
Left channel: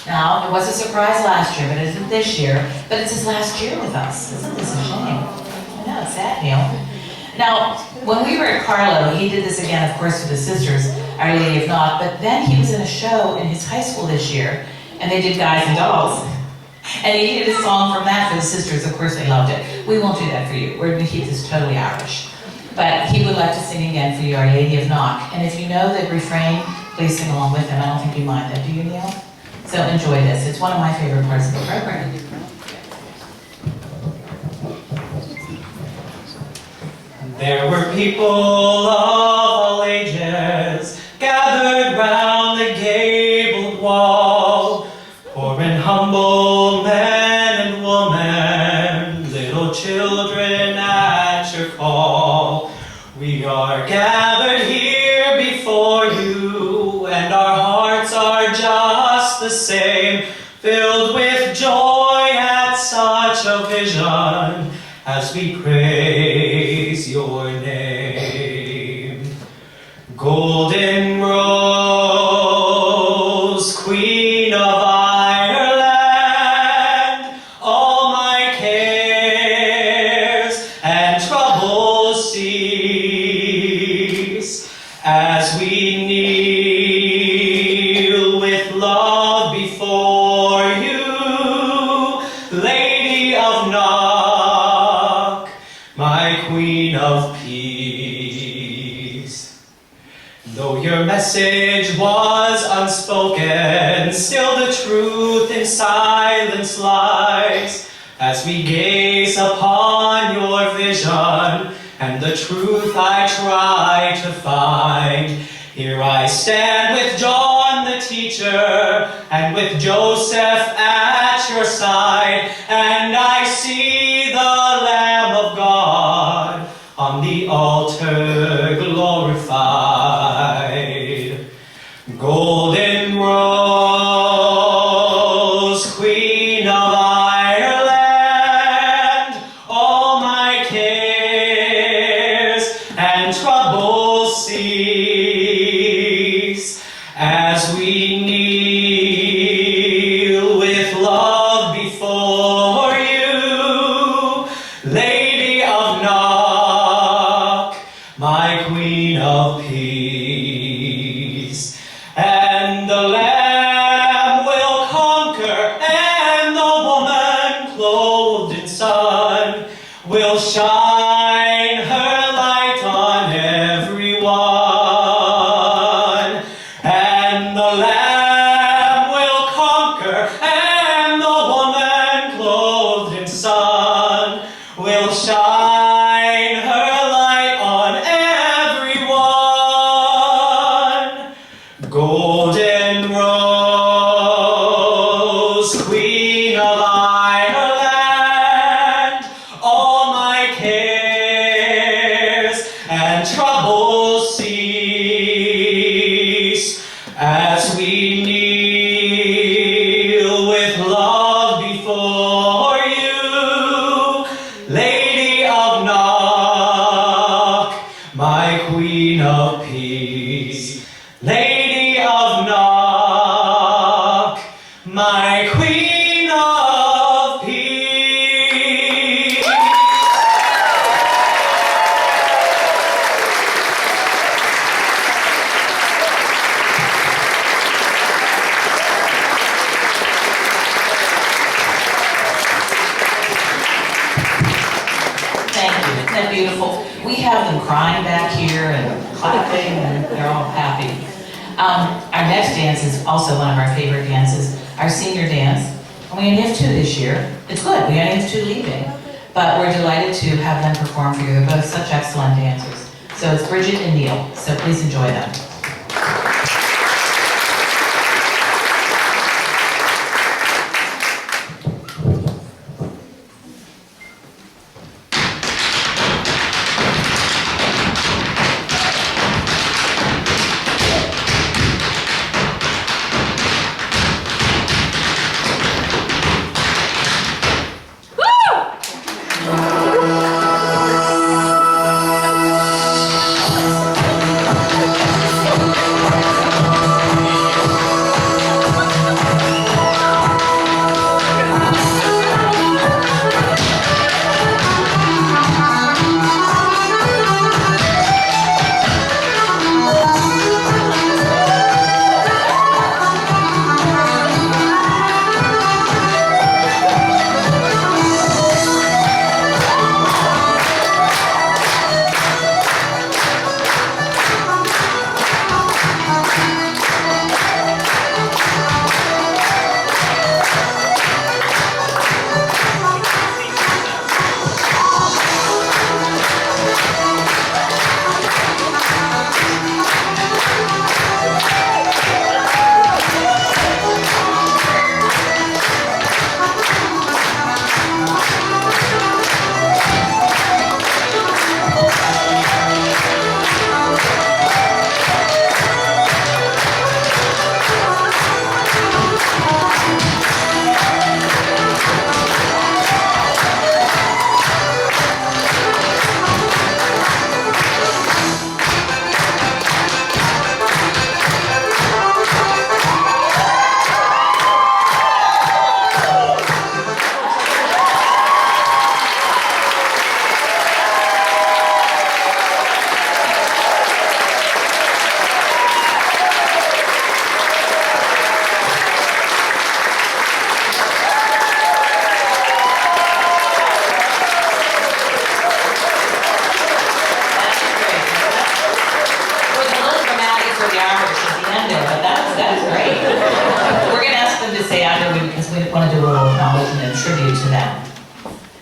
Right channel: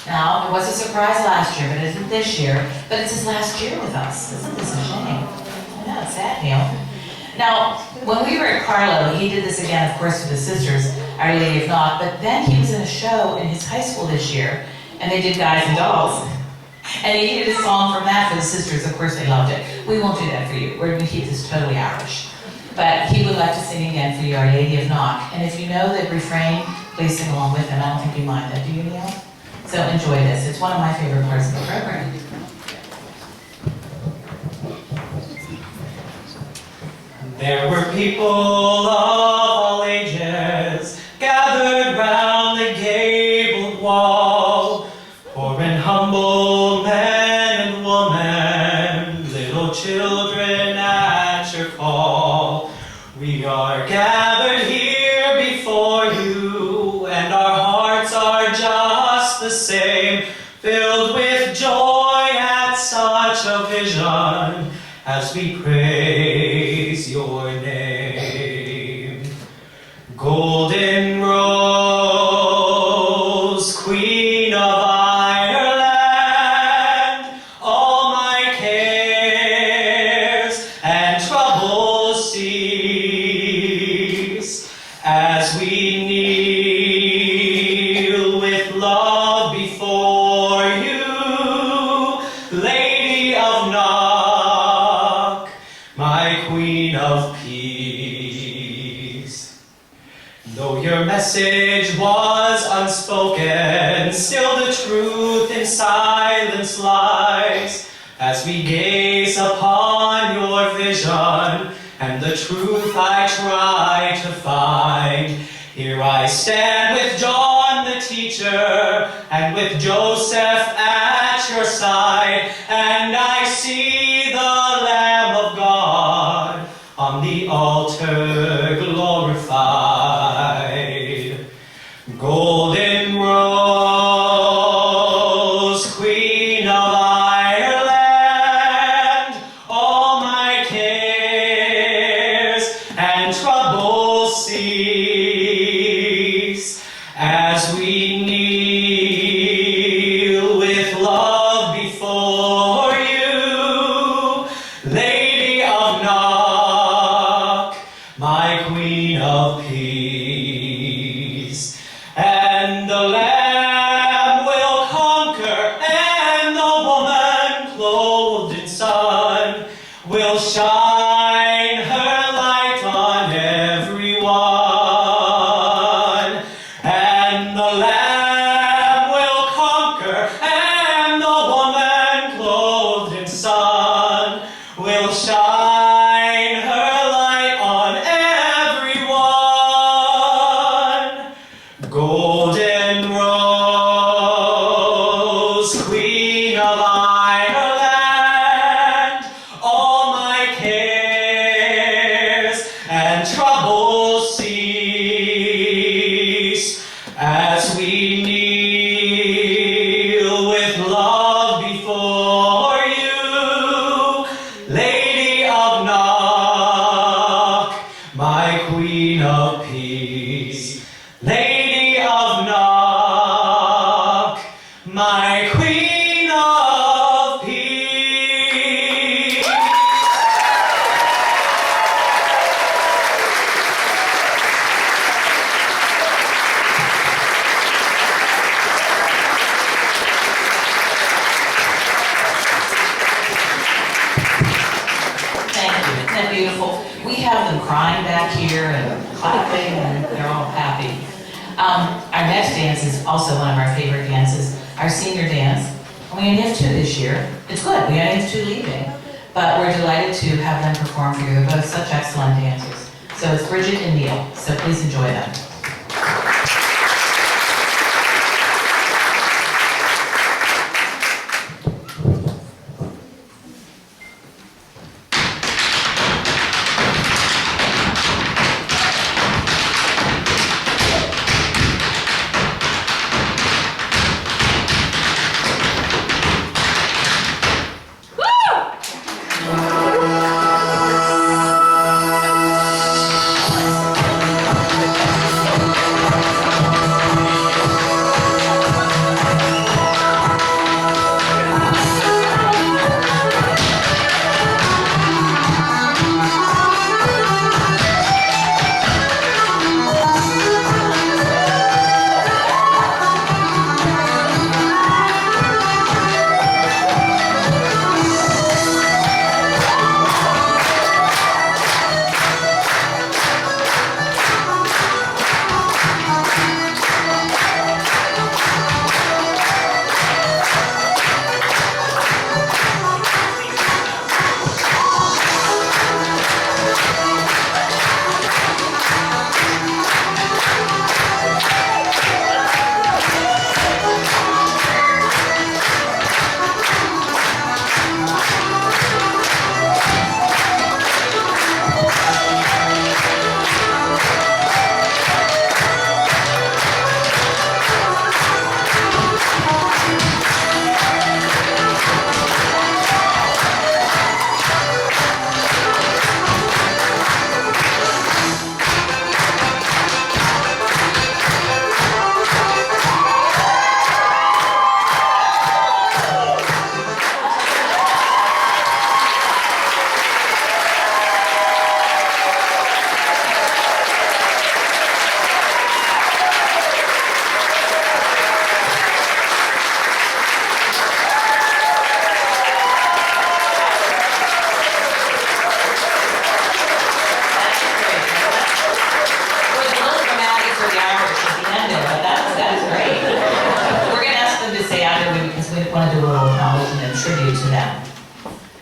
Now, it was a surprise last year, but it isn't this year. But it's his last year with us. Isn't this a shame? I know, it's sad, Neil. Now, when we were at Carlo, he did this again, of course, with his sisters, Our Lady of Knock, but then he was in a show in his high school this year, and they did Guys and Dolls. And he did a song from that for the sisters. Of course, they loved it. We won't do that for you. We're going to keep this totally Irish. But he would like to sing again for you, Our Lady of Knock. And if you know the refrain, please sing along with him. I don't think you mind that, do you, Neil? So enjoy this. It's one of my favorite parts of the program. There were people of all ages gathered round the gabled wall, poor and humble men and women, little children at your call. We are gathered here before you, and our hearts are just the same, filled with joy at such a vision as we praise your name. Golden Rose, Queen of Ireland, all my cares and troubles cease as we kneel with love before you, Lady of Knock, my Queen of Peace. Though your message was unspoken, still the truth in silence lies, as we gaze upon your vision, and the truth I try to find. Here I stand with John the teacher, and with Joseph at your side, and I see the Lamb of God on the altar glorified. Golden Rose, Queen of Ireland, all my cares and troubles cease as we kneel with love before you, Lady of Knock, my Queen of Peace. And the Lamb will conquer, and the woman clothed in sun will shine her light on everyone. peace. Lady of Knock, my Queen of Peace. Thank you. Isn't that beautiful? We have them crying back here and clapping, and they're all happy. Our next dance is also one of our favorite dances, our senior dance. And we only have 2 this year. It's good, we only have 2 leaving. But we're delighted to have them perform for you. They're both such excellent dancers. So it's Bridget and Neil, so please enjoy them.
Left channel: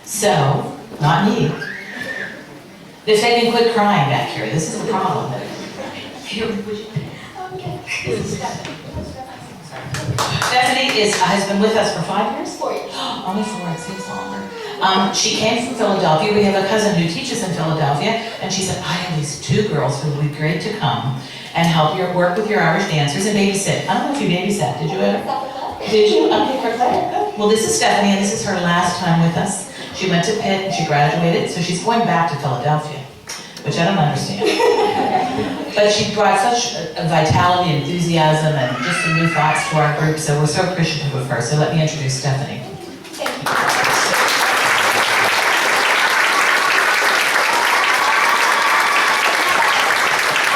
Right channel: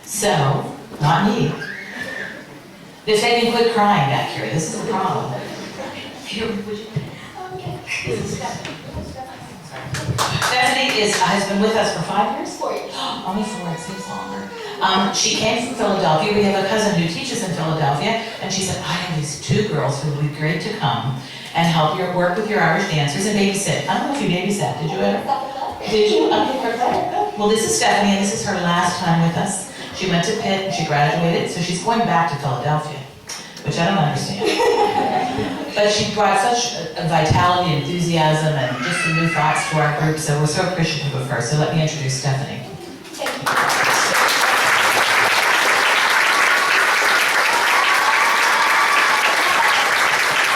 So, not me. If they can quit crying back here, this is the problem. Here, would you? This is Stephanie. Stephanie has been with us for 5 years? 4 years. Only 4, it seems longer. She came from Philadelphia. We have a cousin who teaches in Philadelphia, and she said, I have these 2 girls who would be great to come and help your work with your Irish dancers and babysit. I don't know if you babysat, did you ever? Did you? Okay, for Claire. Good. Well, this is Stephanie, and this is her last time with us. She went to Pitt and she graduated, so she's going back to Philadelphia, which I don't understand. But she brought such a vitality and enthusiasm and just some new thoughts to our group, so we're so appreciative of her. So let me introduce Stephanie. Thank you.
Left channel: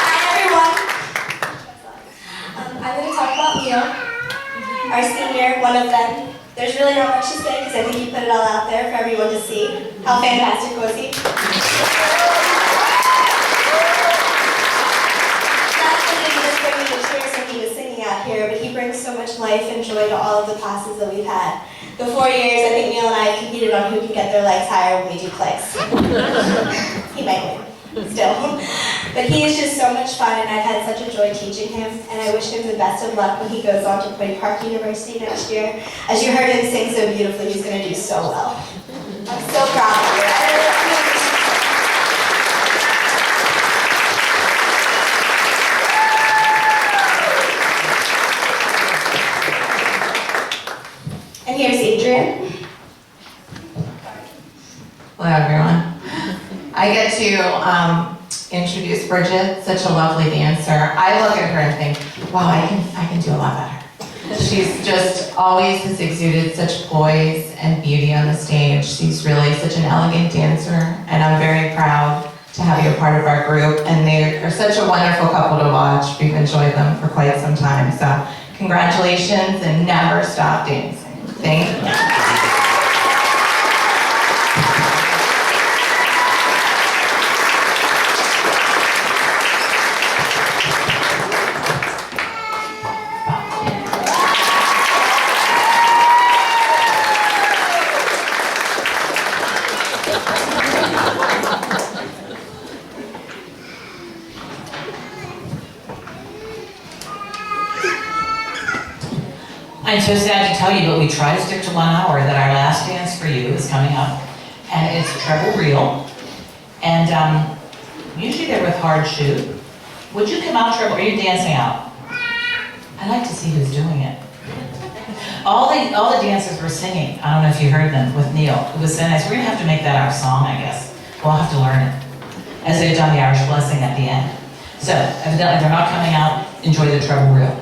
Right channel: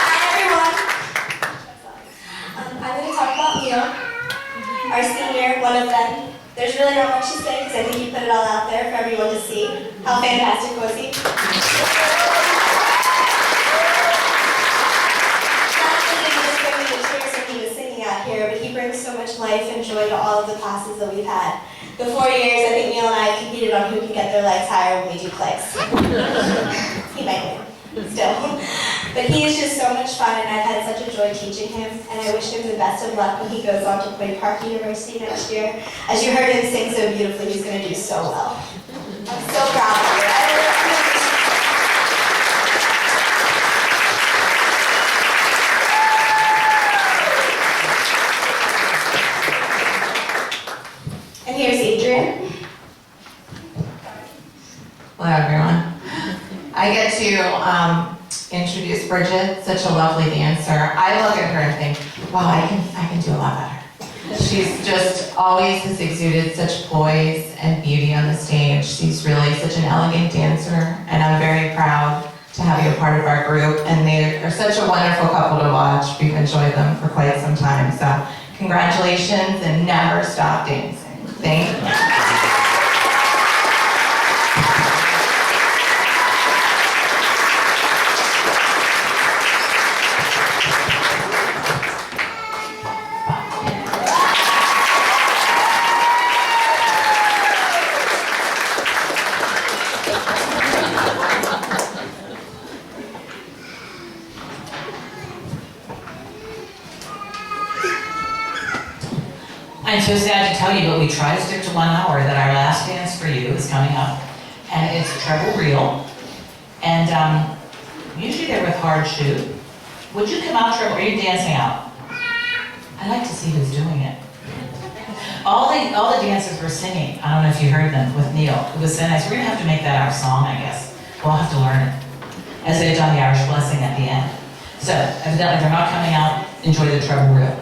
Hi, everyone. I'm going to talk about Leo, our senior, one of them. There's really not much to say because I think you put it all out there for everyone to see. How fantastic was he? Not only did he just bring me the cheers when he was singing out here, but he brings so much life and joy to all of the classes that we've had. The 4 years, I think Neil and I competed on who can get their legs higher when we do clicks. He might win, still. But he is just so much fun, and I've had such a joy teaching him, and I wish him the best of luck when he goes on to Queen Park University next year. As you heard him sing so beautifully, he's going to do so well. I'm so proud of you. And here's Adrian. Hello, everyone. I get to introduce Bridget, such a lovely dancer. I look at her and think, wow, I can do a lot better. She's just always has exuded such poise and beauty on the stage. She's really such an elegant dancer, and I'm very proud to have you a part of our group. And they are such a wonderful couple to watch. We've enjoyed them for quite some time. So congratulations, and never stop dancing. Thank you. I'm so sad to tell you, but we try to stick to 1 hour, that our last dance for you is coming up, and it's treble reel. And usually they're with hard shoe. Would you come out treble? Are you dancing out? I'd like to see who's doing it. All the dancers were singing. I don't know if you heard them with Neil. It was so nice. We're gonna have to make that our song, I guess. We'll have to learn it, as they've done the Irish Blessing at the end. So evidently they're not coming out. Enjoy the treble reel.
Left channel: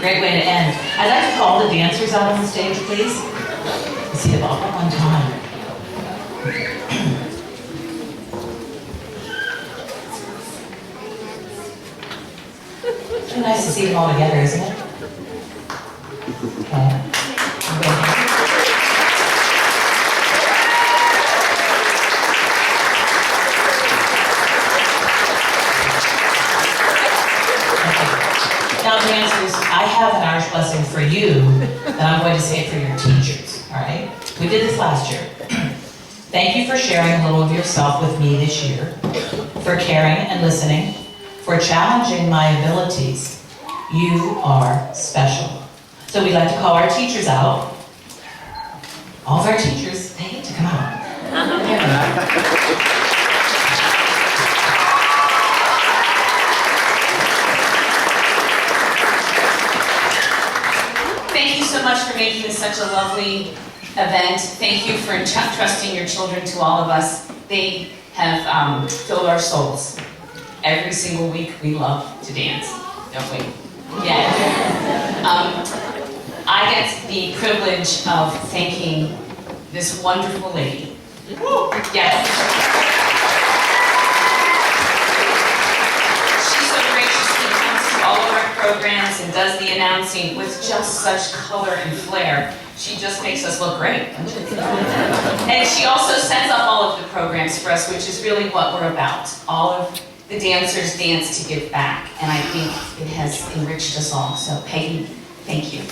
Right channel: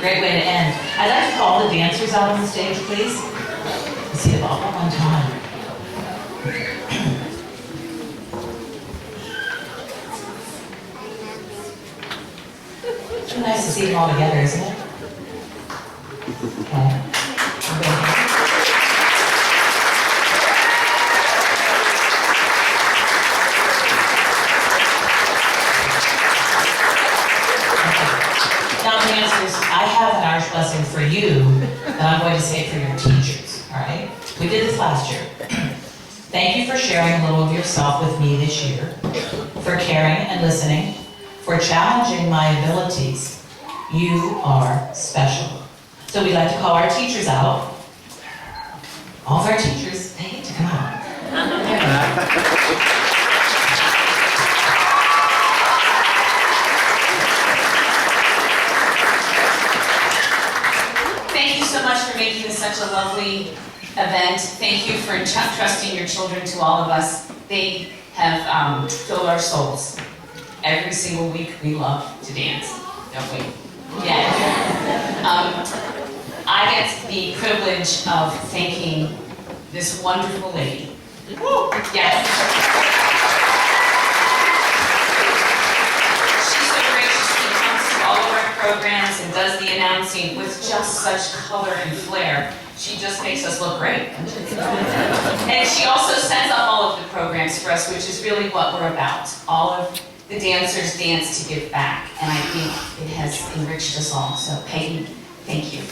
Great way to end. I'd like to call the dancers out on the stage, please. Let's see them all at one time. So nice to see them all together, isn't it? Okay. Now, dancers, I have an Irish blessing for you that I'm going to say for your teachers, all right? We did this last year. Thank you for sharing a little of yourself with me this year, for caring and listening, for challenging my abilities. You are special. So we'd like to call our teachers out. All of our teachers, they get to come out. Thank you so much for making this such a lovely event. Thank you for entrusting your children to all of us. They have filled our souls. Every single week we love to dance, don't we? Yeah. I get the privilege of thanking this wonderful lady. Yes. All of our programs and does the announcing with just such color and flair. She just makes us look great. And she also sets up all of the programs for us, which is really what we're about. All of the dancers dance to give back, and I think it has enriched us all. So Peggy, thank you.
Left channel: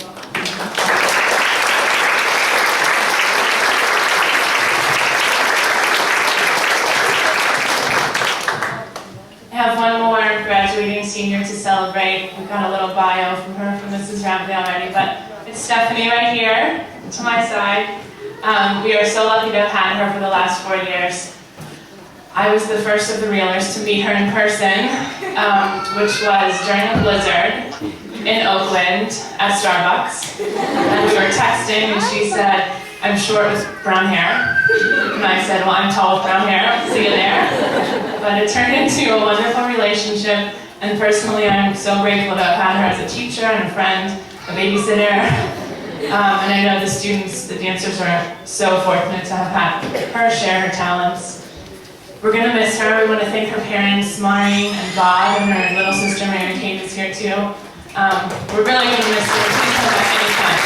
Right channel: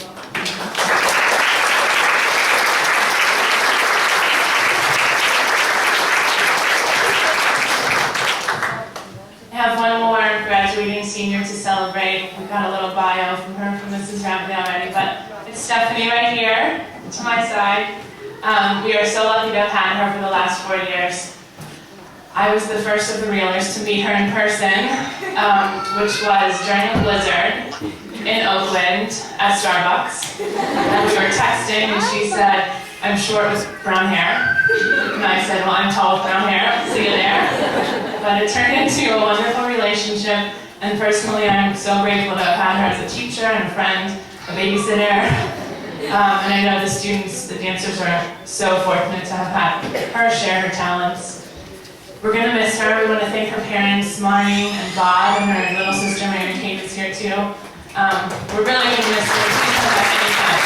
senior to celebrate. We've got a little bio from her from Mrs. Rampley already, but it's Stephanie right here to my side. We are so lucky to have had her for the last 4 years. I was the first of the Reelers to meet her in person, which was during a blizzard in Oakland at Starbucks. And we were texting and she said, "I'm short with brown hair." And I said, "Well, I'm tall with brown hair, see you there." But it turned into a wonderful relationship, and personally I'm so grateful to have had her as a teacher and a friend, a babysitter. And I know the students, the dancers are so fortunate to have had her share her talents. We're gonna miss her. We want to thank her parents, Mari and Bob, and her little sister Mary Kate is here too. We're really gonna miss her. Please come back anytime.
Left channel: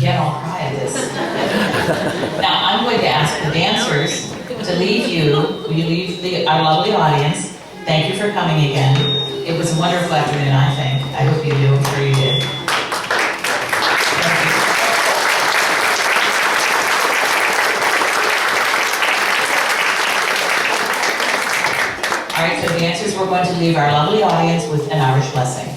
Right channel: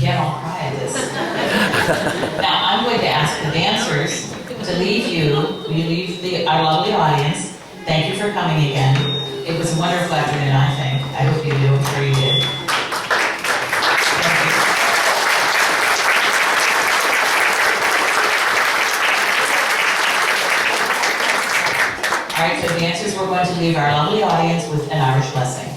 Can't all cry at this. Now, I'm going to ask the dancers to leave our lovely audience. Thank you for coming again. It was a wonderful afternoon, I think. I hope you do. I'm sure you did. Thank you. All right, so dancers, we're going to leave our lovely audience with an Irish blessing.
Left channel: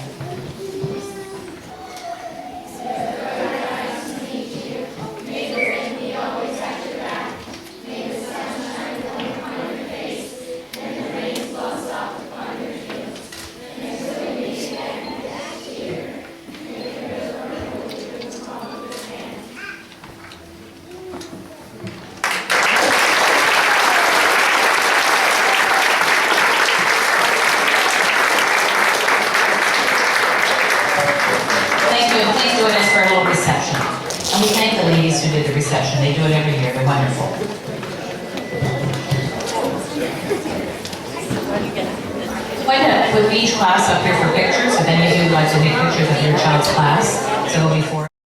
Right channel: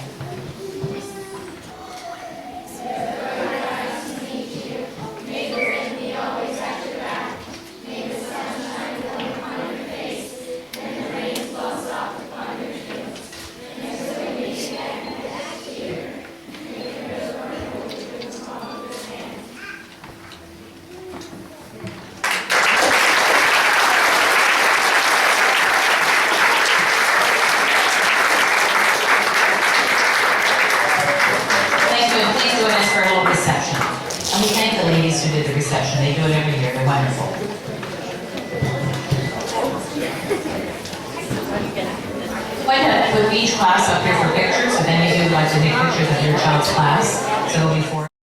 Please join us for a little reception. And we thank the ladies who did the reception. They do it every year. They're wonderful. Why not put each class up here for pictures, and then you do like to take pictures of your child's class. So it'll be 4